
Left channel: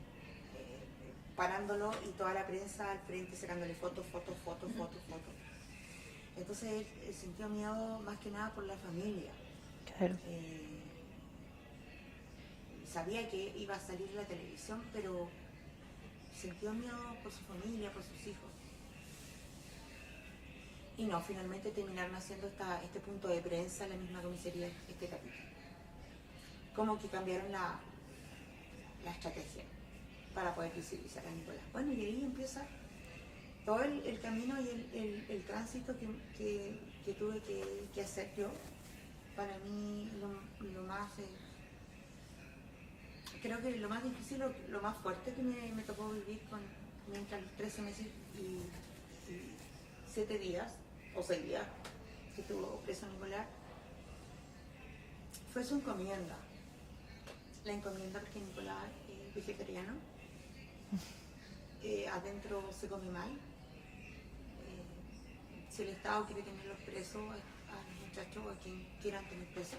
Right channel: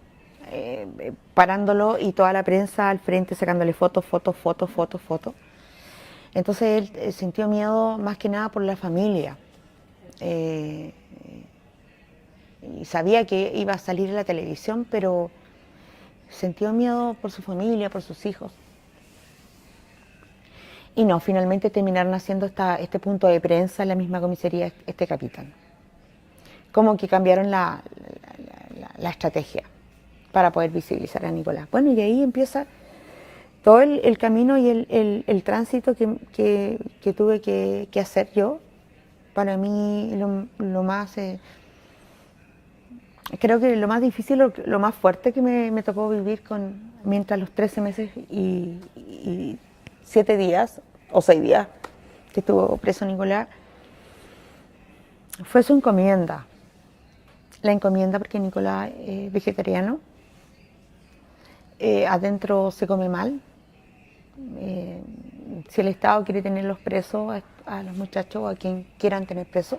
parándolo, y toda la prensa al frente sacándole fotos. Entonces él sintió miedo más que nada por la familia. Claro. Y sabía que iba a salir en la televisión, pero sintió miedo por su familia, por sus hijos. Y no, finalmente terminaron haciendo este punto de prensa en la misma comisaría, este capitán. como que cambiaron la estrategia para poder visibilizar a Nicolás. Bueno, y ahí empieza todo el camino y el tránsito que tuve que hacer yo. Para mí lo más, creo que lo más difícil, lo más fuerte que me tocó vivir mientras los 13 meses y 7 días o 6 días que estuvo preso Nicolás, fue su encomienda. La encomienda porque Nicolás es vegetariano, adentro se come mal. Si el Estado quiere tenerlos presos, a los muchachos o a quien quieran tener presos,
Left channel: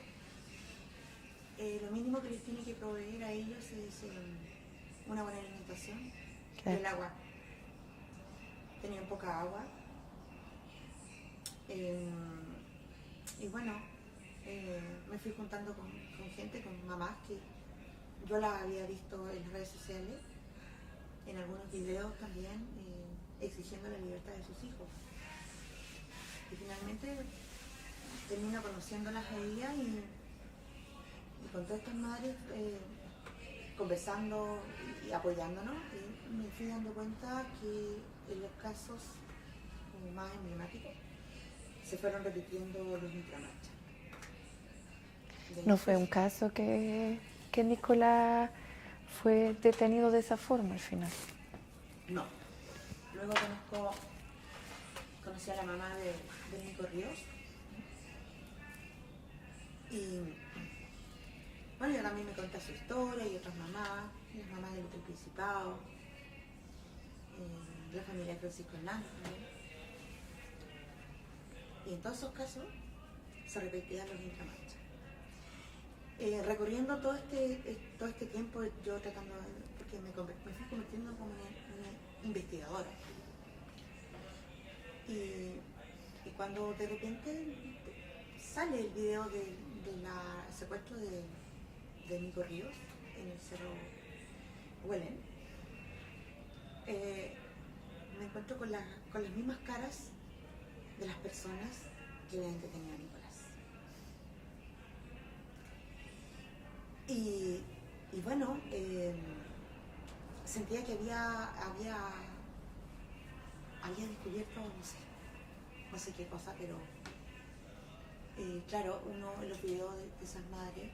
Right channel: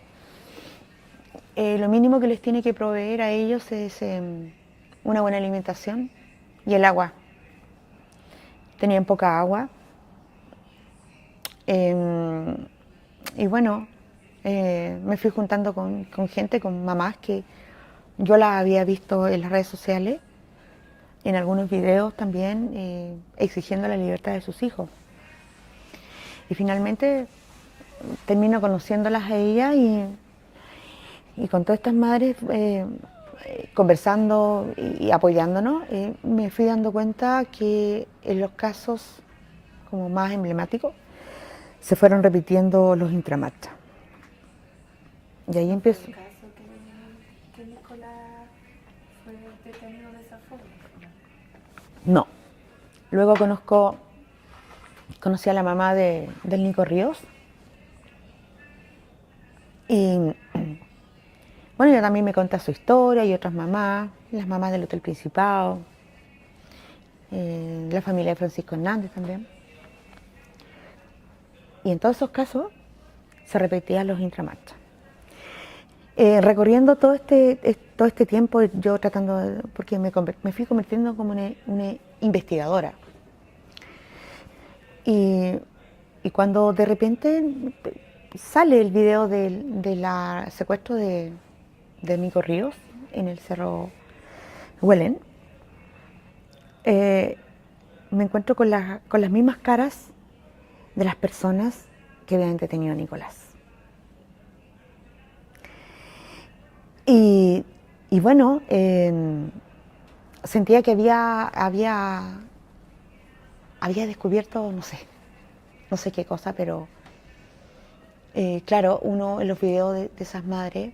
lo mínimo que les tiene que proveer a ellos es una buena alimentación y el agua. Tenían poca agua. Y bueno, me fui juntando con gente, con mamás que yo las había visto en las redes sociales, en algunos videos también, exigiendo la libertad de sus hijos. Y finalmente termino conociéndolas a ellas y con todas estas madres conversando y apoyándonos, me fui dando cuenta que en los casos como más emblemáticos se fueron repitiendo los intramarchas. Y ahí No fue un caso que Nicolás fue detenido de esa forma al final. No. Luego conocí a la mamá del Nico Ríos. Y bueno, ella también me cuenta su historia y otras mamás, las mamás del Hotel Principado, la familia de Francisco Hernández también. Y en todos esos casos se repetían los intramarchas. Recorriendo todo este tiempo, yo tratando, porque me fui convirtiendo como una investigadora. Y cuando de repente sale el video del secuestro de Nico Ríos en el Cerro Huelén, me encuentro con las mismas caras de las personas que habían detenido a Nicolás. Y bueno, sentía que había descubierto, no sé qué cosa, pero claro, uno en los videos de esas madres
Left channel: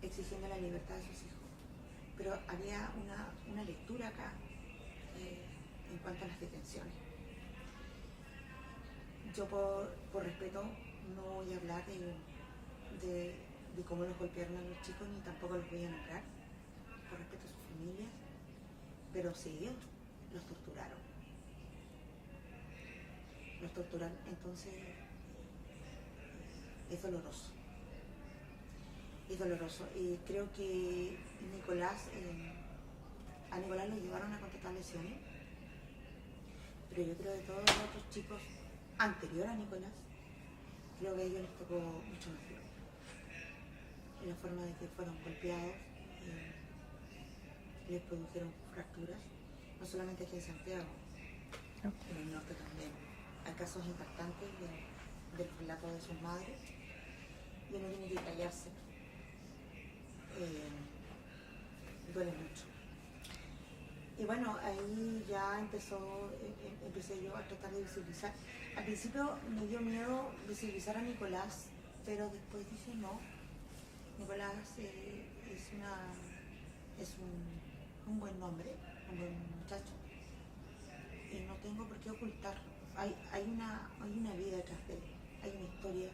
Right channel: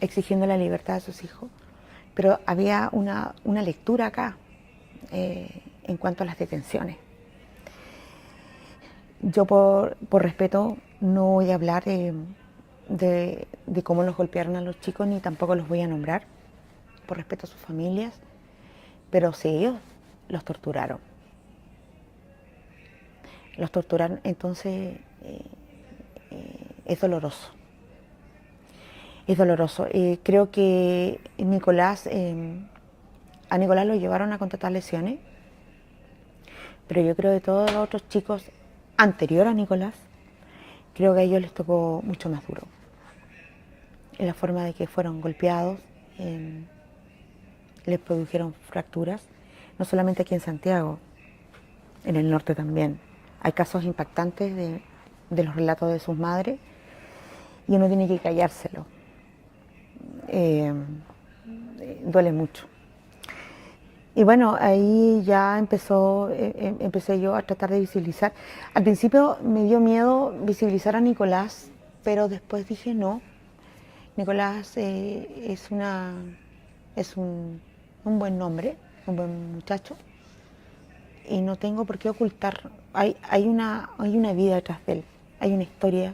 exigiendo la libertad de sus hijos, pero había una lectura acá en cuanto a las detenciones. Yo por respeto no voy a hablar de cómo los golpearon a los chicos, ni tampoco los voy a nombrar, por respeto a sus familias, pero sí, ellos los torturaron. Los torturaron, entonces es doloroso. Es doloroso. Creo que a Nicolás lo llevaron a contratar lesiones, pero yo creo que todos los otros chicos anterior a Nicolás, creo que a ellos les tocó mucho más duro. En la forma de que fueron golpeados, les produjeron fracturas, no solamente aquí en Santiago, en el norte también. Hay casos impactantes de los relatos de sus madres y uno tiene que callárselo. Duele mucho. Y bueno, ahí ya empecé yo a tratar de visibilizar. Al principio me dio miedo visibilizar a Nicolás, pero después dije no. Nicolás es un buen nombre, un buen muchacho, y no tengo por qué ocultar. Hay una vida detrás de él, hay una historia,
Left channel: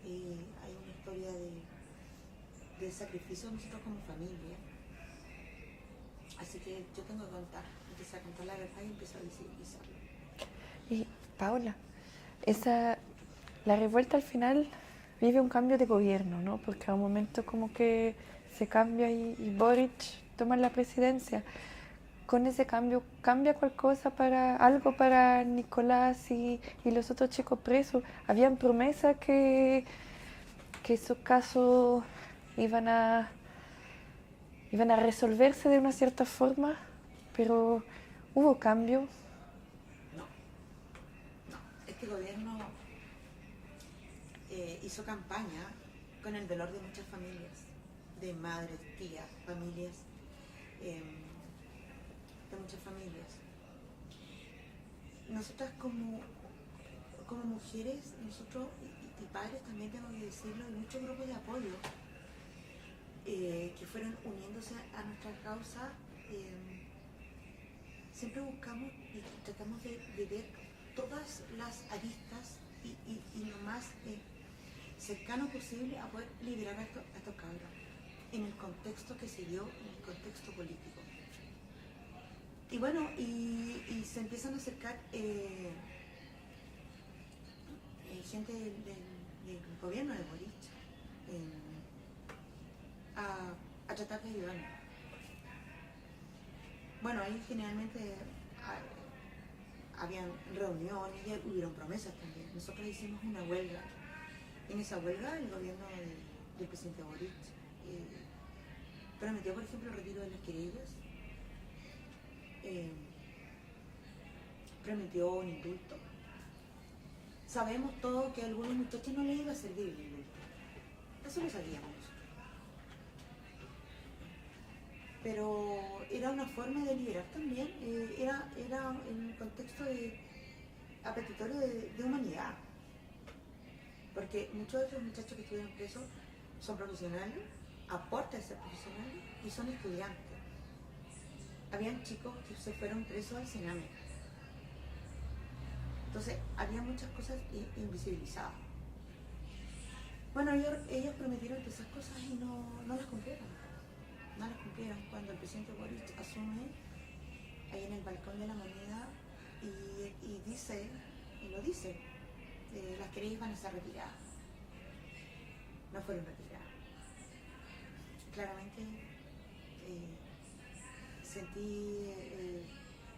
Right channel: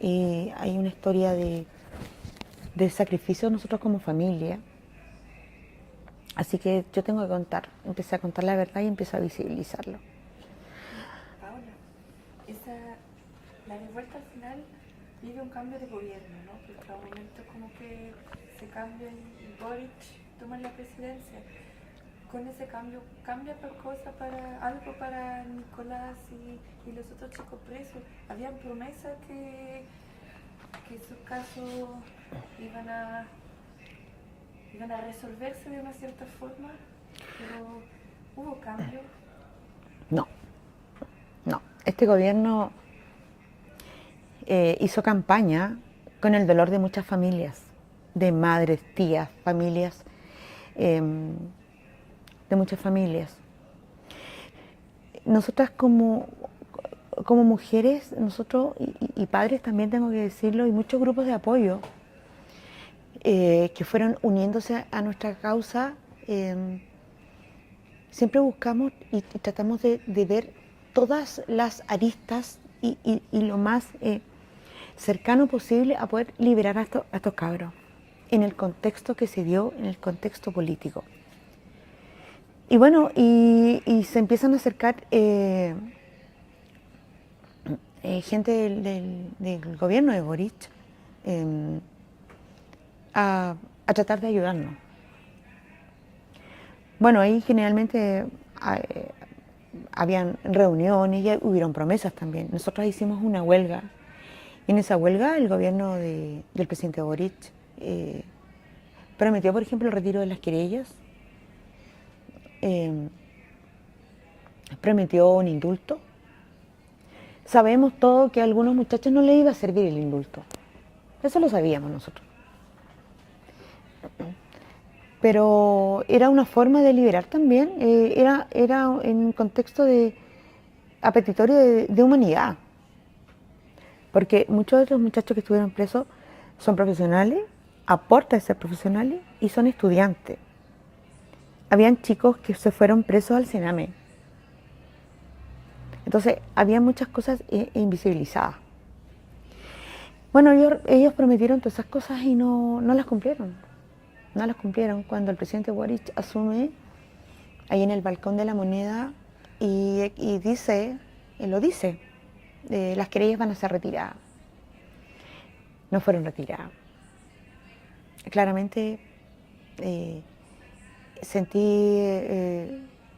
hay una historia de sacrificio de nosotros como familia. Así que yo tengo que contar, empecé a contar la verdad y empecé a visibilizarlo. Y, Paula, la revuelta al final vive un cambio de gobierno, ¿no? Porque a un momento como que se cambia y Boric toma la presidencia. Con ese cambio, ¿cambia algo para Nicolás y los otros chicos presos? ¿Habían promesas que esos casos iban a resolverse de una cierta forma? Pero ¿hubo cambio? No. Este gobierno hizo campaña con el dolor de muchas familias. de madres, tías, familias, de muchas familias. Nosotras como mujeres, nosotros y padres también tengo que decirlo, y muchos grupos de apoyo que fueron uniéndose a nuestra causa, siempre buscamos y tratamos de ver todas las aristas y lo más cercano posible a poder liberar a estos cabros en el contexto que se dio, en el contexto político. Y bueno, y se empiezan a acercar gente del gobierno de Boric a tratar de ayudarnos. Bueno, ahí generalmente habían reuniones y hubieron promesas también. Nosotros hicimos una huelga. Y en esa huelga el gobierno del presidente Boric prometió, por ejemplo, el retiro de las querellas, prometió un indulto. Sabemos todo que a algunos muchachos no les iba a servir el indulto. Eso lo sabíamos nosotros. Pero era una forma de liberar también, era en un contexto apetitorio de humanidad. Porque muchos de los muchachos que estuvieron presos son profesionales, aportan ser profesionales y son estudiantes. Habían chicos que se fueron presos al Sename. Entonces, había muchas cosas invisibilizadas. Bueno, ellos prometieron todas esas cosas y no las cumplieron. No las cumplieron cuando el presidente Boric asume ahí en el balcón de la Moneda y dice, lo dice, las querellas van a ser retiradas. No fueron retiradas. Claramente sentí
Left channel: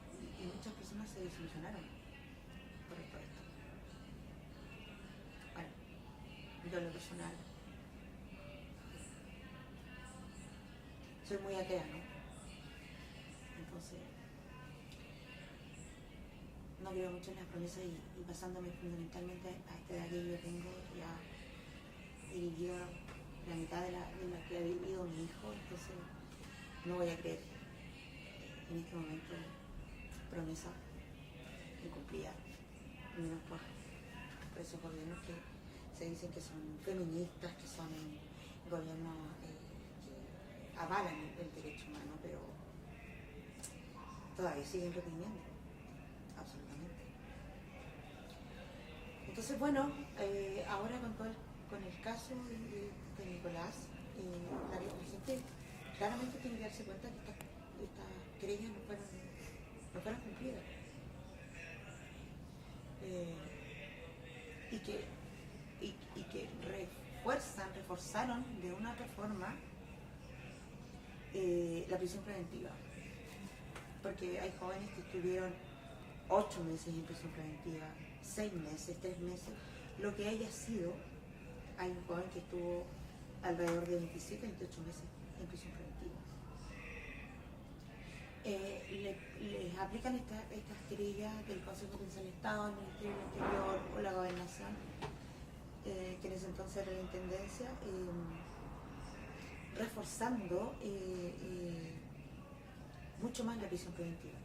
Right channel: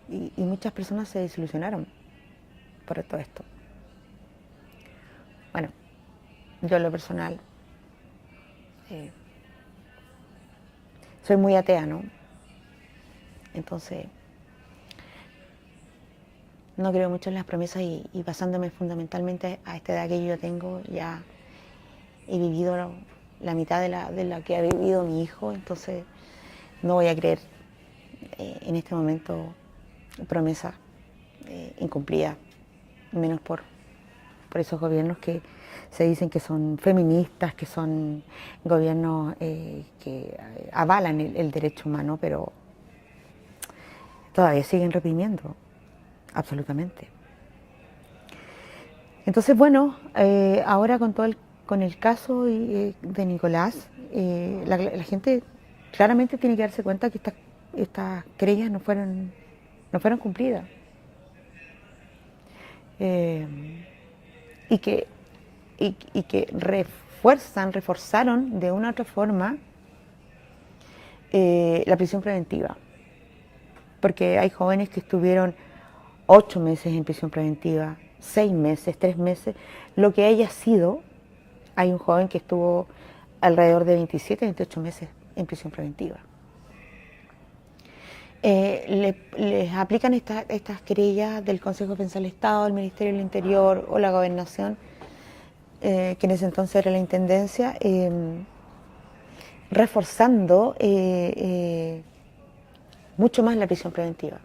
y muchas personas se desilusionaron por todo esto. Bueno, yo en lo personal soy muy atea, ¿no? Entonces no creo mucho en las promesas y basándome fundamentalmente a esta edad que yo tengo, ya he vivido la mitad de la que ha vivido mi hijo, entonces no voy a creer en este momento promesas incumplidas, menos por esos gobiernos que se dicen que son feministas, que son gobiernos que avalan el derecho humano, pero todavía siguen reprimiendo, absolutamente. Entonces, bueno, ahora con el caso de Nicolás, la gente claramente tiene que darse cuenta que estas querellas no fueron cumplidas. Y que reforzaron de una u otra forma la prisión preventiva. Porque hay jóvenes que estuvieron 8 meses en prisión preventiva, 6 meses, 3 meses, lo que haya sido. Hay un joven que estuvo alrededor de 27, 28 meses en prisión preventiva. Les aplican estas querellas del Consejo de Defensa del Estado, el Ministerio del Interior o la Gobernación, que en ese entonces era la Intendencia, reforzando mucho más la prisión preventiva.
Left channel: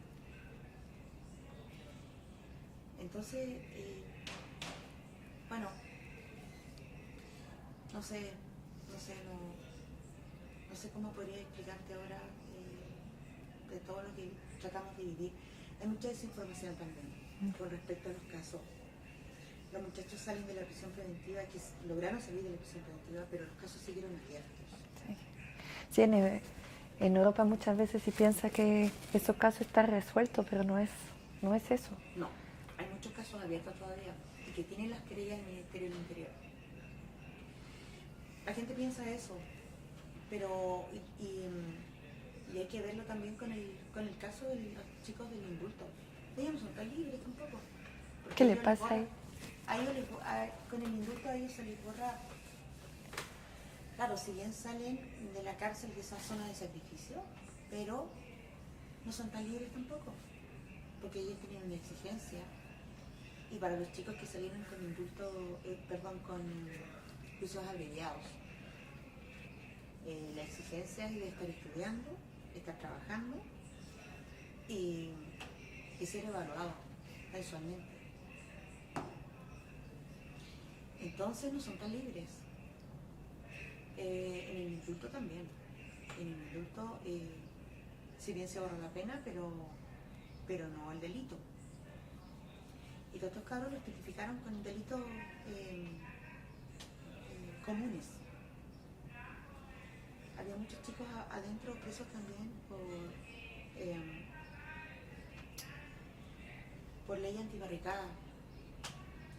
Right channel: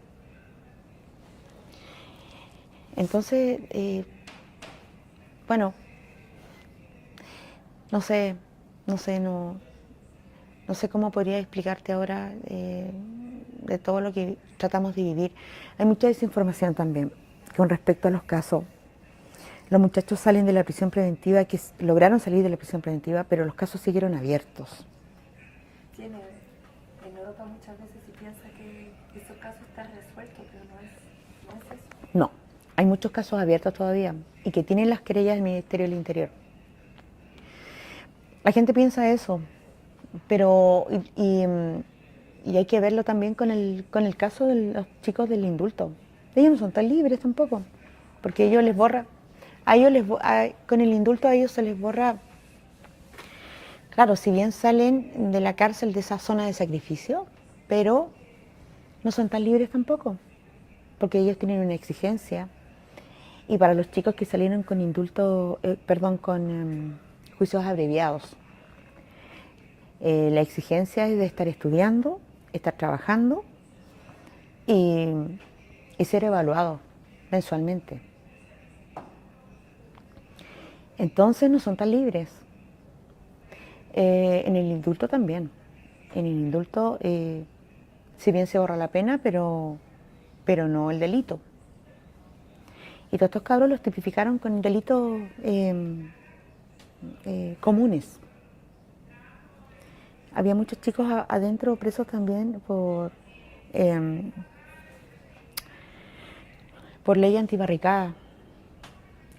Entonces, bueno, no sé cómo podría explicarte ahora de todo lo que tratamos de vivir. Hay mucha desinformación también con respecto a los casos. Los muchachos salen de la prisión preventiva, que lograron salir de la prisión preventiva, pero los casos siguieron abiertos. Sí, en Europa muchas veces se piensa que esos casos están resueltos, pero no es eso. No, hay muchos casos abiertos todavía y que tienen las querellas del Ministerio del Interior. La gente piensa eso, pero y hay que verlo también con el caso de los chicos del indulto. Ellos no son tan libres tampoco, porque ellos les borra, con el indulto a ellos se les borra. Claro, si bien salen de la cárcel de esa zona de sacrificio, pero no son tan libres tampoco, porque ellos tienen una exigencia. Y para los chicos que salieron con indulto, con juicios abreviados, La exigencia es de estar estudiando, estar trabajando y ser evaluado mensualmente. Entonces no son tan libres. En el indulto también. En el indulto, si bien se borra la pena, pero no el delito. Y todos estos cabros los tipificaron con delitos comunes. Había muchos chicos adentro presos también por ley antibarricada.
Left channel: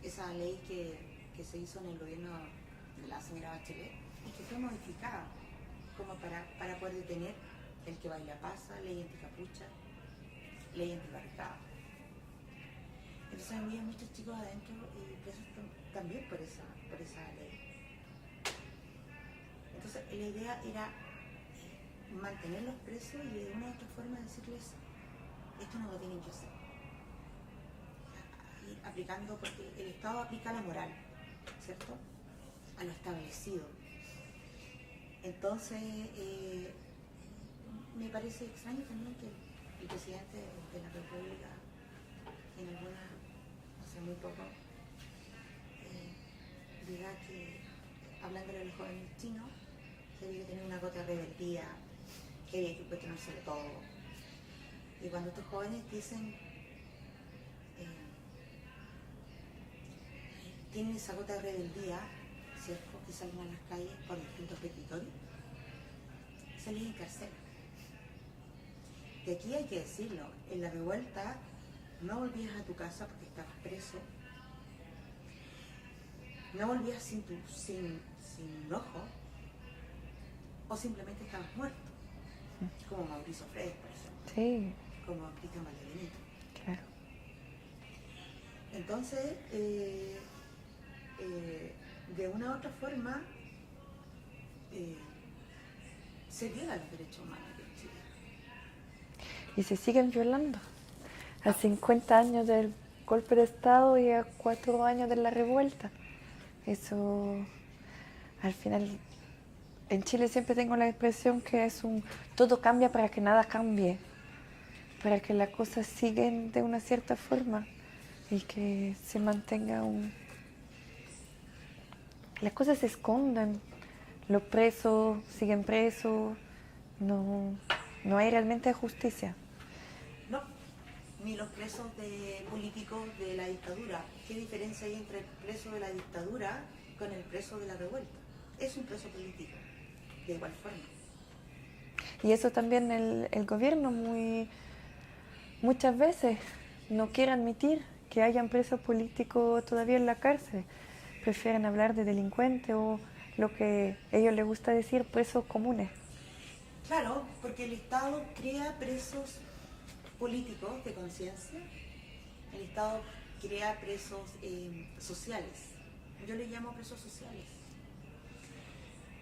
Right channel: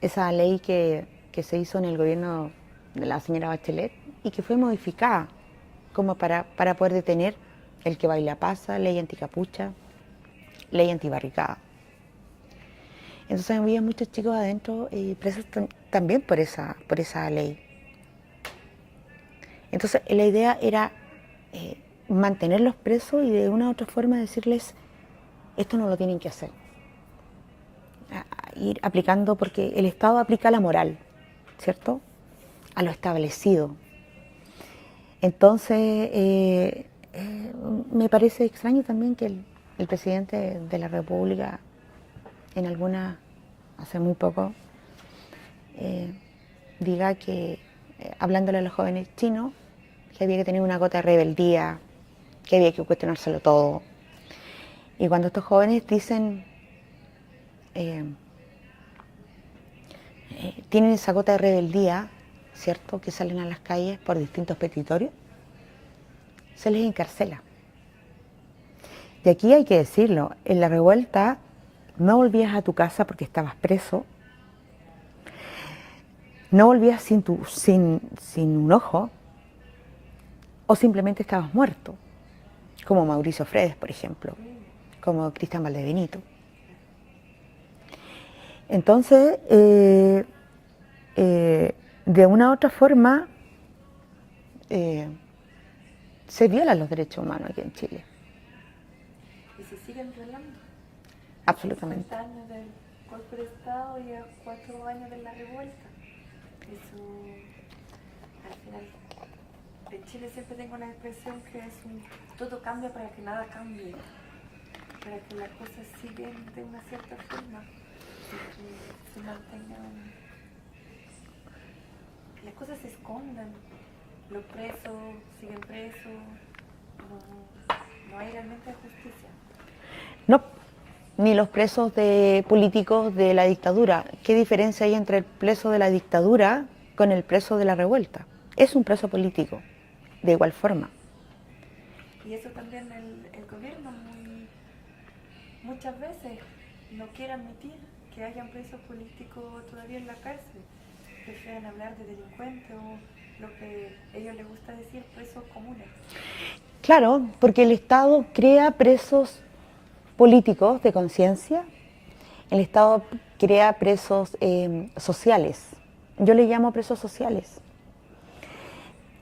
Esa ley que se hizo en el gobierno de la señora Bachelet y que fue modificada como para poder detener el que baila pasa, ley anticapucha, ley antibarricada. Entonces había muchos chicos adentro presos también por esa ley. Entonces la idea era mantenerlos presos y de una u otra forma decirles, esto no lo tienen que hacer. Ir aplicando, porque el Estado aplica la moral, ¿cierto? A lo establecido. Entonces, me parece extraño también que el presidente de la República, hace muy poco, diga que, hablándole a los jóvenes chinos, que había que tener una gota de rebeldía, que había que cuestionárselo todo. Y cuando estos jóvenes dicen, tienen esa gota de rebeldía, ¿cierto?, que salen a las calles por distintos petitorios, se les encarcela. Y aquí hay que decirlo, en la revuelta no volvías a tu casa porque estabas preso, no volvías sin un ojo, o simplemente estabas muerto, como Mauricio Fredes, por ejemplo, Sí, como Cristian Valdebenito. claro. Entonces, de una u otra forma, se violan los derechos humanos aquí en Chile. Y se siguen violando. A Absolutamente. 50 años del golpe de Estado y a 4 años de la revuelta. Eso, al final, en Chile siempre tengo la impresión que todo cambia para que nada cambie, para que las cosas siguen de una cierta forma y que se mantenga las cosas se esconden, los presos siguen presos, no hay realmente justicia. No, ni los presos políticos de la dictadura. ¿Qué diferencia hay entre el preso de la dictadura con el preso de la revuelta? Es un preso político, de igual forma. Y eso también el gobierno muchas veces no quiere admitir que hayan presos políticos todavía en la cárcel. Prefieren hablar de delincuentes o lo que a ellos les gusta decir, presos comunes. Claro, porque el Estado crea presos políticos de conciencia, el Estado crea presos sociales. Yo le llamo presos sociales.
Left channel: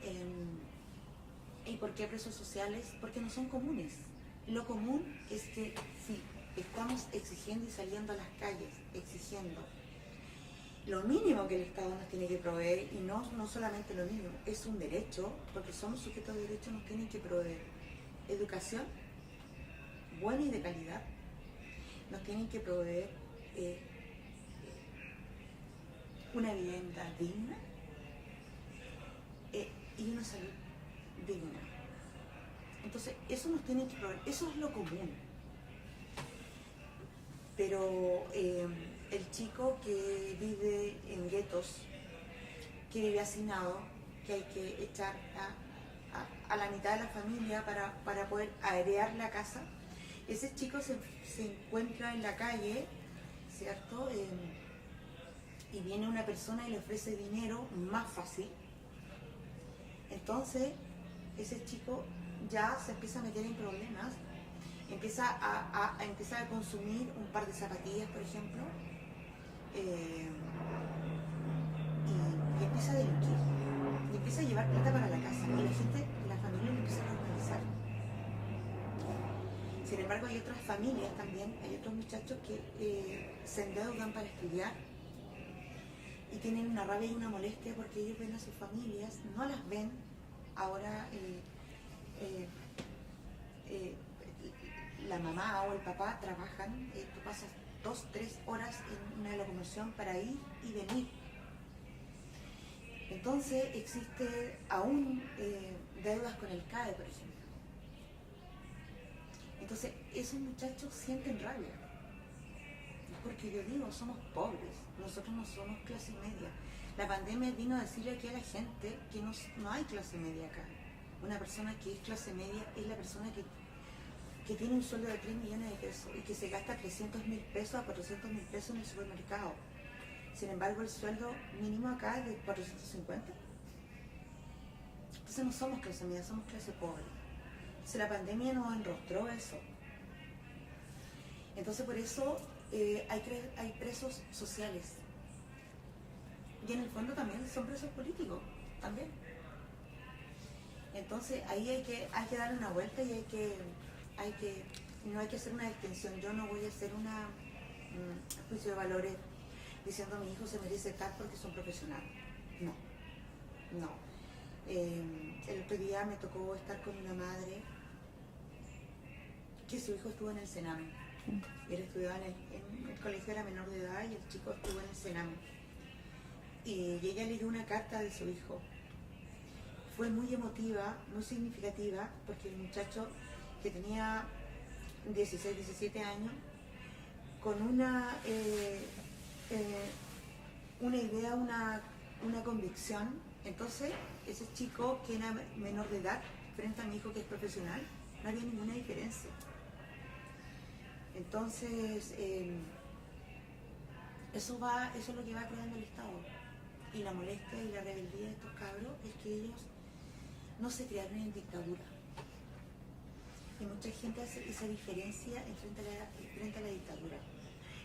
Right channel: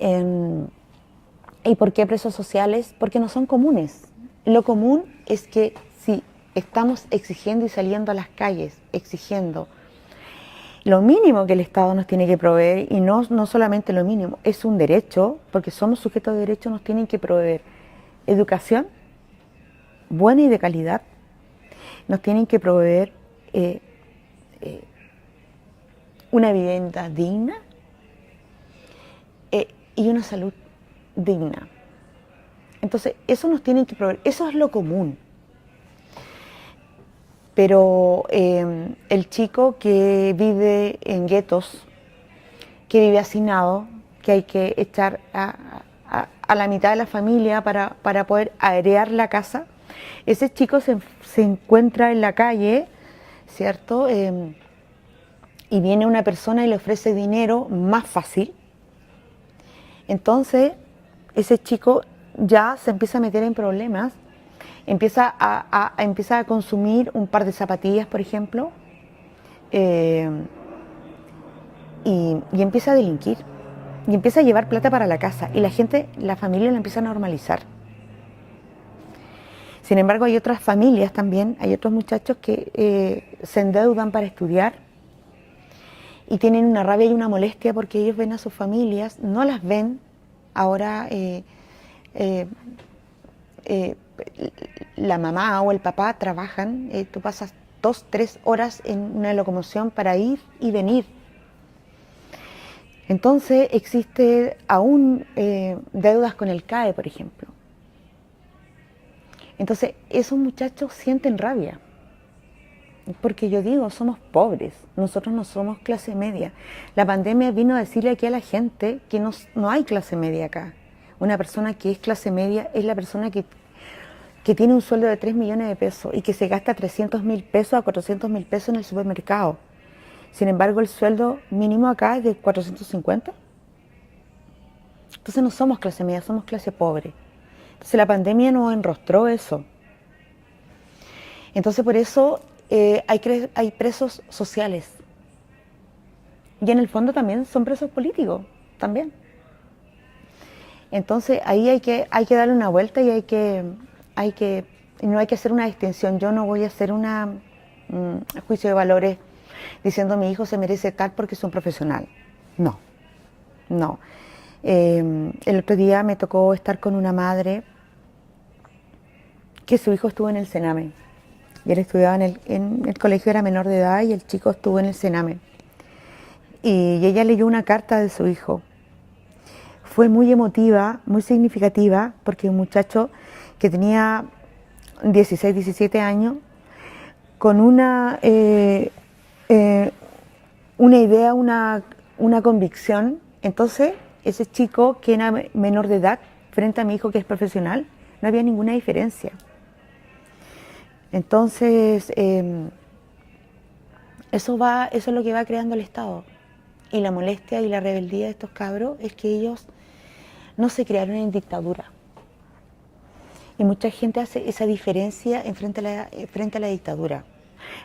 ¿Y por qué presos sociales? Porque no son comunes. Lo común es que si estamos exigiendo y saliendo a las calles, exigiendo lo mínimo que el Estado nos tiene que proveer, y no solamente lo mínimo, es un derecho, porque somos sujetos de derecho, nos tienen que proveer educación buena y de calidad, nos tienen que proveer una vivienda digna y una salud digna. Entonces, eso nos tienen que proveer, eso es lo común. Pero el chico que vive en guetos, que vive hacinado, que hay que echar a la mitad de la familia para poder airear la casa, ese chico se encuentra en la calle, ¿cierto? Y viene una persona y le ofrece dinero más fácil. Entonces, ese chico ya se empieza a meter en problemas, empieza a consumir un par de zapatillas, por ejemplo, y empieza a delinquir, y empieza a llevar plata para la casa, y la familia la empieza a normalizar. Sin embargo, hay otras familias también, hay otros muchachos que se endeudan para estudiar y tienen una rabia y una molestia porque ellos ven a sus familias, no las ven Ahora la mamá o el papá trabajan, tú pasas 2, 3 horas en una locomoción para ir y venir. Entonces existe aún deudas con el CAE, por ejemplo. Entonces esos muchachos sienten rabia, porque yo digo, somos pobres, nosotros no somos clase media. La pandemia vino a decirle aquí a la gente que no hay clase media acá. Una persona que es clase media es la persona que tiene un sueldo de 3 millones de pesos y que se gasta 300.000 pesos a 400.000 pesos en el supermercado. Sin embargo, el sueldo mínimo acá es de 450. Entonces no somos clase media, somos clase pobre. Entonces la pandemia nos enrostró eso. Entonces por eso hay presos sociales. Y en el fondo también son presos políticos, también. Entonces ahí hay que darle una vuelta y no hay que hacer una distinción. Yo no voy a hacer un juicio de valores diciendo mi hijo se merece tal porque es un profesional. No, no. El otro día me tocó estar con una madre que su hijo estuvo en el Sename. Y él estudiaba en el colegio, era menor de edad y el chico estuvo en el Sename. Y ella leyó una carta de su hijo. Fue muy emotiva, muy significativa, porque un muchacho que tenía 16, 17 años, con una idea, una convicción. Entonces, ese chico que era menor de edad, frente a mi hijo que es profesional, no había ninguna diferencia. Entonces, eso es lo que va creando el Estado. Y la molestia y la rebeldía de estos cabros es que ellos no se crearon en dictadura. Y mucha gente hace esa diferencia frente a la dictadura.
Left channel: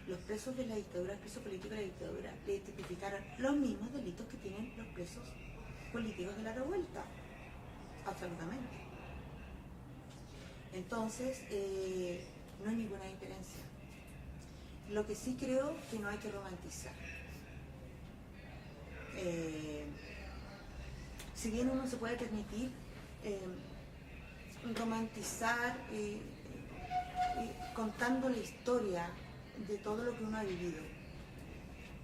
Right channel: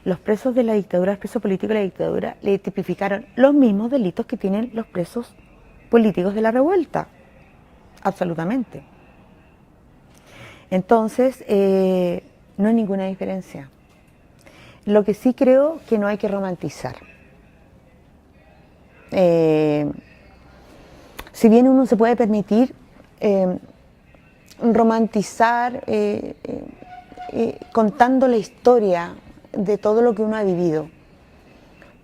Los presos de la dictadura, los presos políticos de la dictadura, le tipificaron los mismos delitos que tienen los presos políticos de la revuelta. Absolutamente. Entonces, no hay ninguna diferencia. Lo que sí creo que no hay que romantizar. Si bien uno se puede permitir romantizar contando la historia de todo lo que uno ha vivido,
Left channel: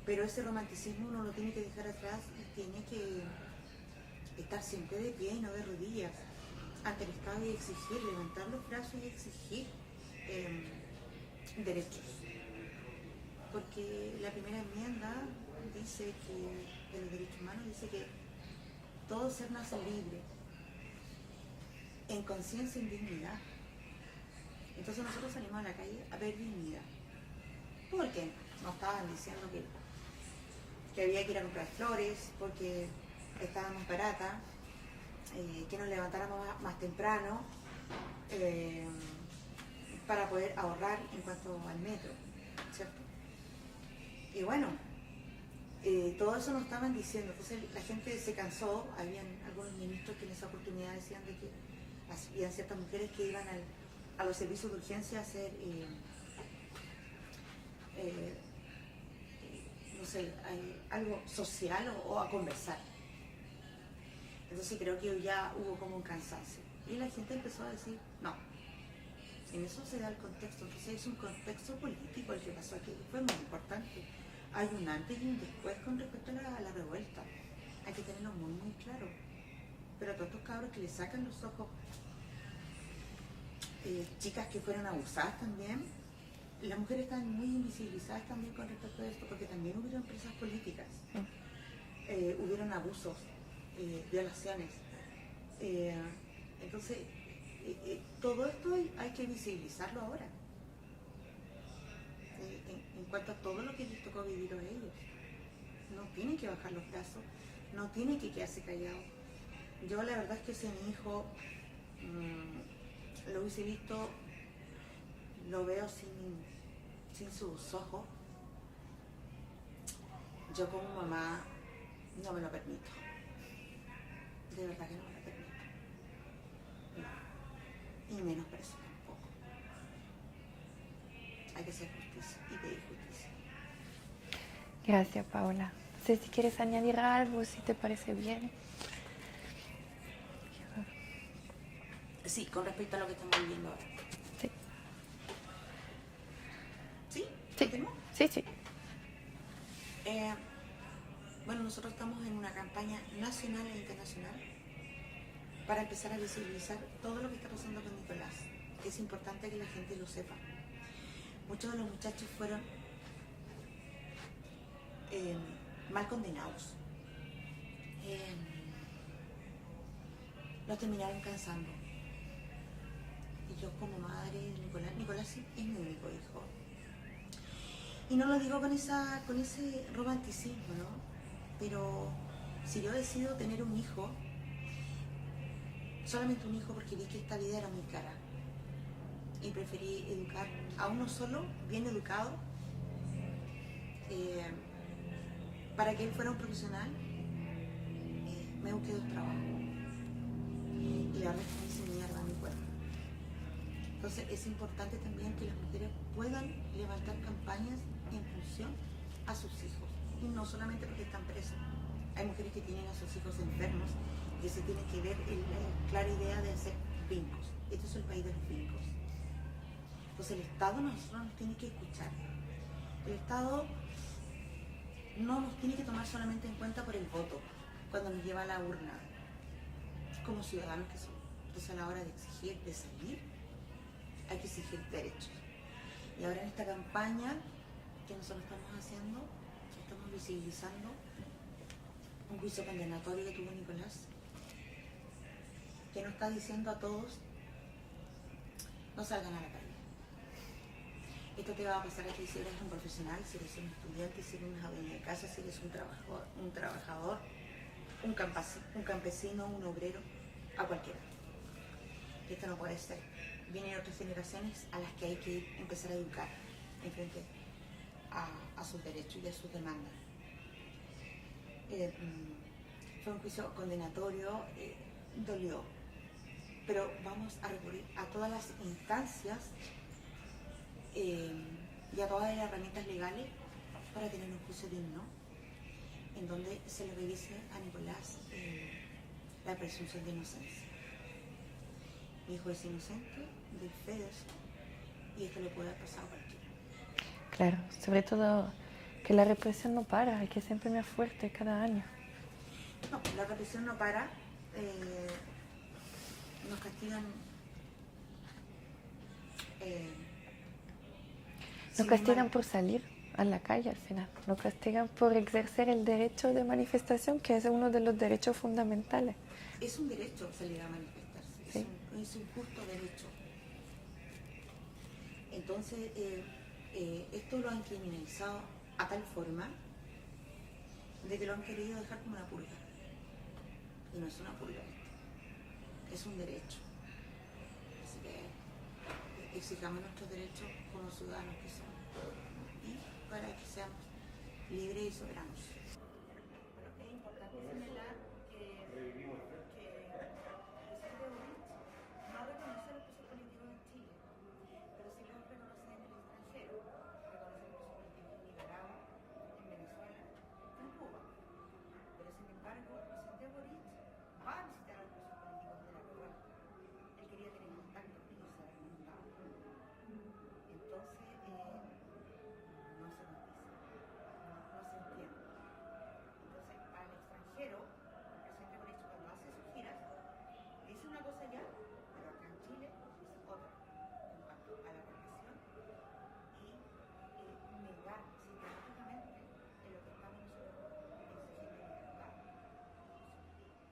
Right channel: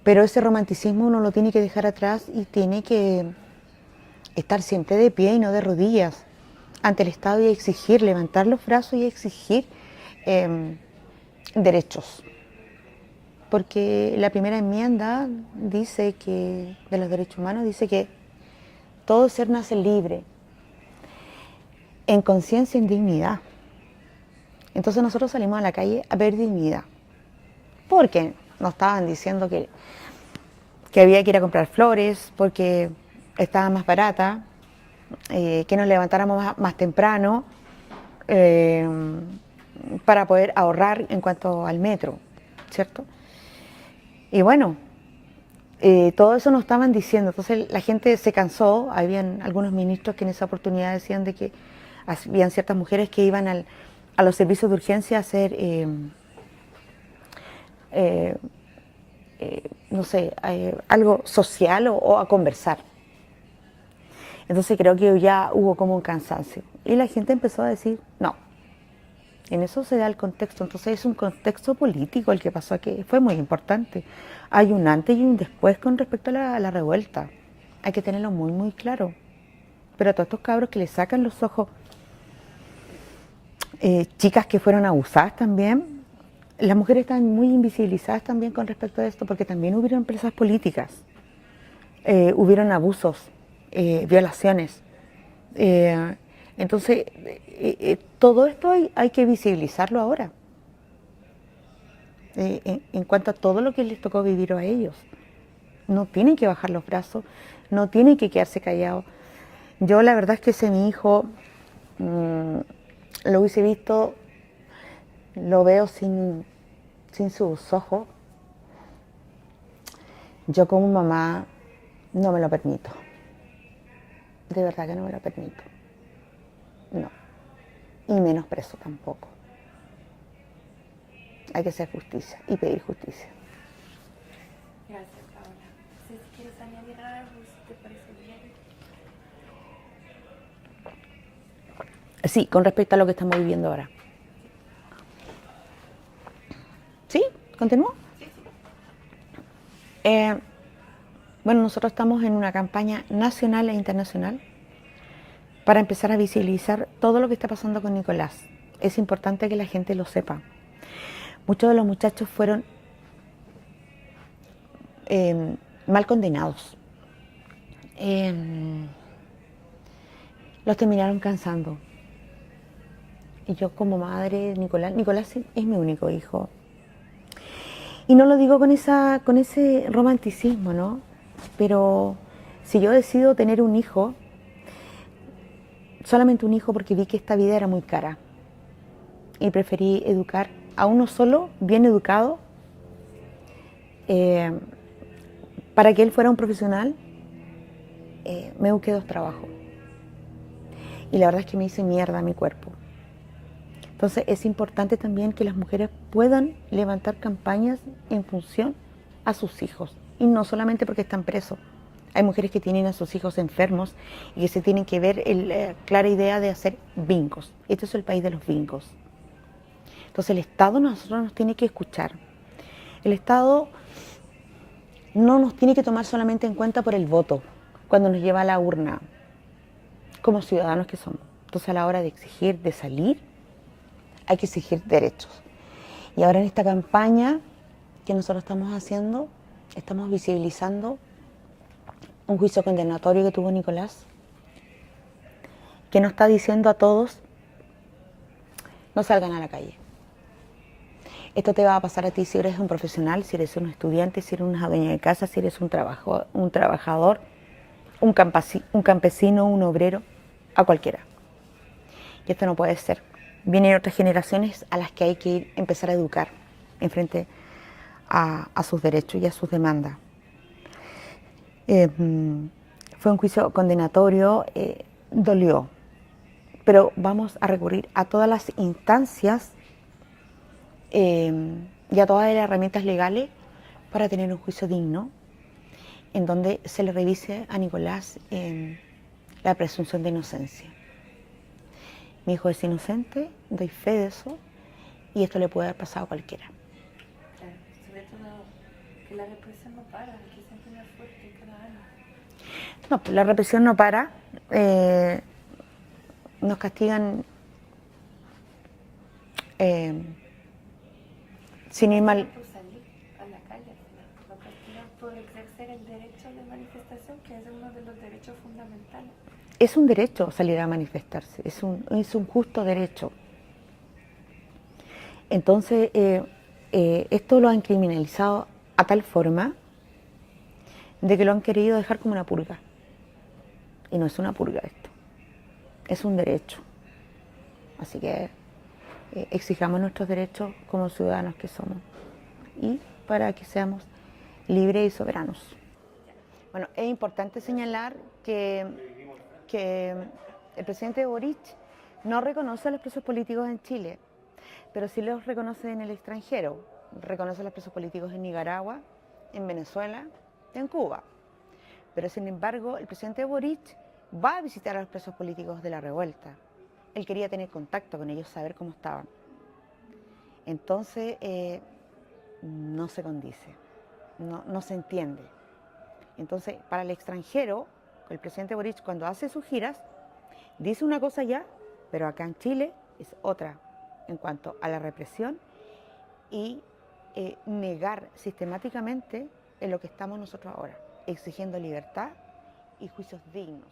pero ese romanticismo uno lo tiene que dejar atrás y tiene que estar siempre de pie y no de rodillas ante el Estado y exigir, levantar los brazos y exigir derechos. Porque la primera enmienda dice que, de los derechos humanos, dice que todo ser nace libre, en conciencia, en dignidad. Entonces nosotros salimos a la calle a ver dignidad, porque nos estaban diciendo que había que ir a comprar flores, porque estaba más barata, que nos levantáramos más temprano para poder ahorrar en cuanto al metro, ¿cierto? Y bueno, todo eso nos estaban diciendo, entonces la gente se cansó. Habían algunos ministros que en esa oportunidad decían de que habían ciertas mujeres que iban a los servicios de urgencia a hacer, no sé, algo social o a conversar. Entonces creo que ya hubo como un cansancio. Y la gente empezó a decir, no, en eso se da el contexto. Entonces es un contexto político el que pasó aquí, fue muy importante. Hay un antes y un después con respecto a la revuelta. Hay que tenerlo muy, muy claro. Pero a todos estos cabros que le sacan los ojos, chicas que fueron abusadas también, las mujeres están muy invisibilizadas también con respecto a esto, porque también hubieron empresas políticas, hubieron abusos, violaciones. Entonces, todo esto hay que visibilizarlo ahora, en cuanto a todo lo que les tocó vivir a ellos. No tienen que bajar los brazos, no tienen que quedarse callados. Yo la verdad es que si mi hijo lo hubiese visto, lo veo sin sus ojos, yo como mamá no me lo permito. De verdad que no me lo permito. No. Y menos preso tampoco. Hay que hacer justicia y pedir justicia. Gracias, Paola. No sé si quieres añadir algo, si te parece bien. Sí, con respecto a lo que estamos viviendo ahora. Sí, ¿Sí? ¿Continúo? sí, sí. Bueno, nosotros estamos en una campaña nacional e internacional para empezar a visibilizar todo lo que está pasando con Nicolás. Es importante que la gente lo sepa. Muchos de los muchachos fueron mal condenados. Los terminaron cansando. Y yo como madre, Nicolás es mi único hijo. Y no lo digo con ese romanticismo, ¿no? Pero si yo decido tener un hijo, solamente un hijo porque vi que esta vida era muy cara. Y preferí educar a uno solo, bien educado, para que él fuera un profesional, me busqué 2 trabajos. Y la verdad es que me hice mierda a mi cuerpo. Entonces es importante también que las mujeres puedan levantar campañas en función a sus hijos. Y no solamente porque están presos. Hay mujeres que tienen a sus hijos enfermos y que se tienen que ver la clara idea de hacer bingos. Este es el país de los bingos. Entonces el Estado nosotros nos tiene que escuchar. El Estado no nos tiene que tomar solamente en cuenta por el voto, cuando nos lleva a la urna, como ciudadanos que somos. Entonces a la hora de exigir, de salir, hay que exigir derechos. Y ahora en esta campaña que nosotros estamos haciendo, estamos visibilizando un juicio condenatorio que tuvo Nicolás, que nos está diciendo a todos, no salgan a la calle. Esto te va a pasar a ti si eres un profesional, si eres un estudiante, si eres una dueña de casa, si eres un trabajador, un campesino, un obrero, a cualquiera. Y esto no puede ser. Vienen otras generaciones a las que hay que empezar a educar en frente a sus derechos y a sus demandas. Fue un juicio condenatorio, dolió, pero vamos a recurrir a todas las instancias y a todas las herramientas legales para tener un juicio digno, en donde se le revise a Nicolás la presunción de inocencia. Mi hijo es inocente, doy fe de eso, y esto le puede haber pasado a cualquiera. Claro, sobre todo que la represión no para, hay que siempre más fuerte cada año. No, pues la represión no para, nos castigan sin Nos ir castigan mal. por salir a la calle al final, nos castigan por ejercer el derecho de manifestación, que es uno de los derechos fundamentales. Es un derecho salir a manifestarse, es un justo derecho. Entonces, esto lo han criminalizado a tal forma de que lo han querido dejar como una purga. Y no es una purga esto, es un derecho. Así que exijamos nuestros derechos como ciudadanos que somos y para que seamos libres y soberanos. Bueno, es importante señalar que el presidente Boric no reconoce a los presos políticos en Chile, pero sí los reconoce en el extranjero. Reconoce a los presos políticos en Nicaragua, en Venezuela y en Cuba. Pero sin embargo, el presidente Boric va a visitar a los presos políticos de la revuelta. Él quería tener contacto con ellos, saber cómo estaban. Entonces, no se condice, no se entiende. Entonces, para el extranjero, el presidente Boric cuando hace sus giras, dice una cosa ya, pero acá en Chile es otra en cuanto a la represión y negar sistemáticamente en lo que estamos nosotros ahora, exigiendo libertad y juicios dignos.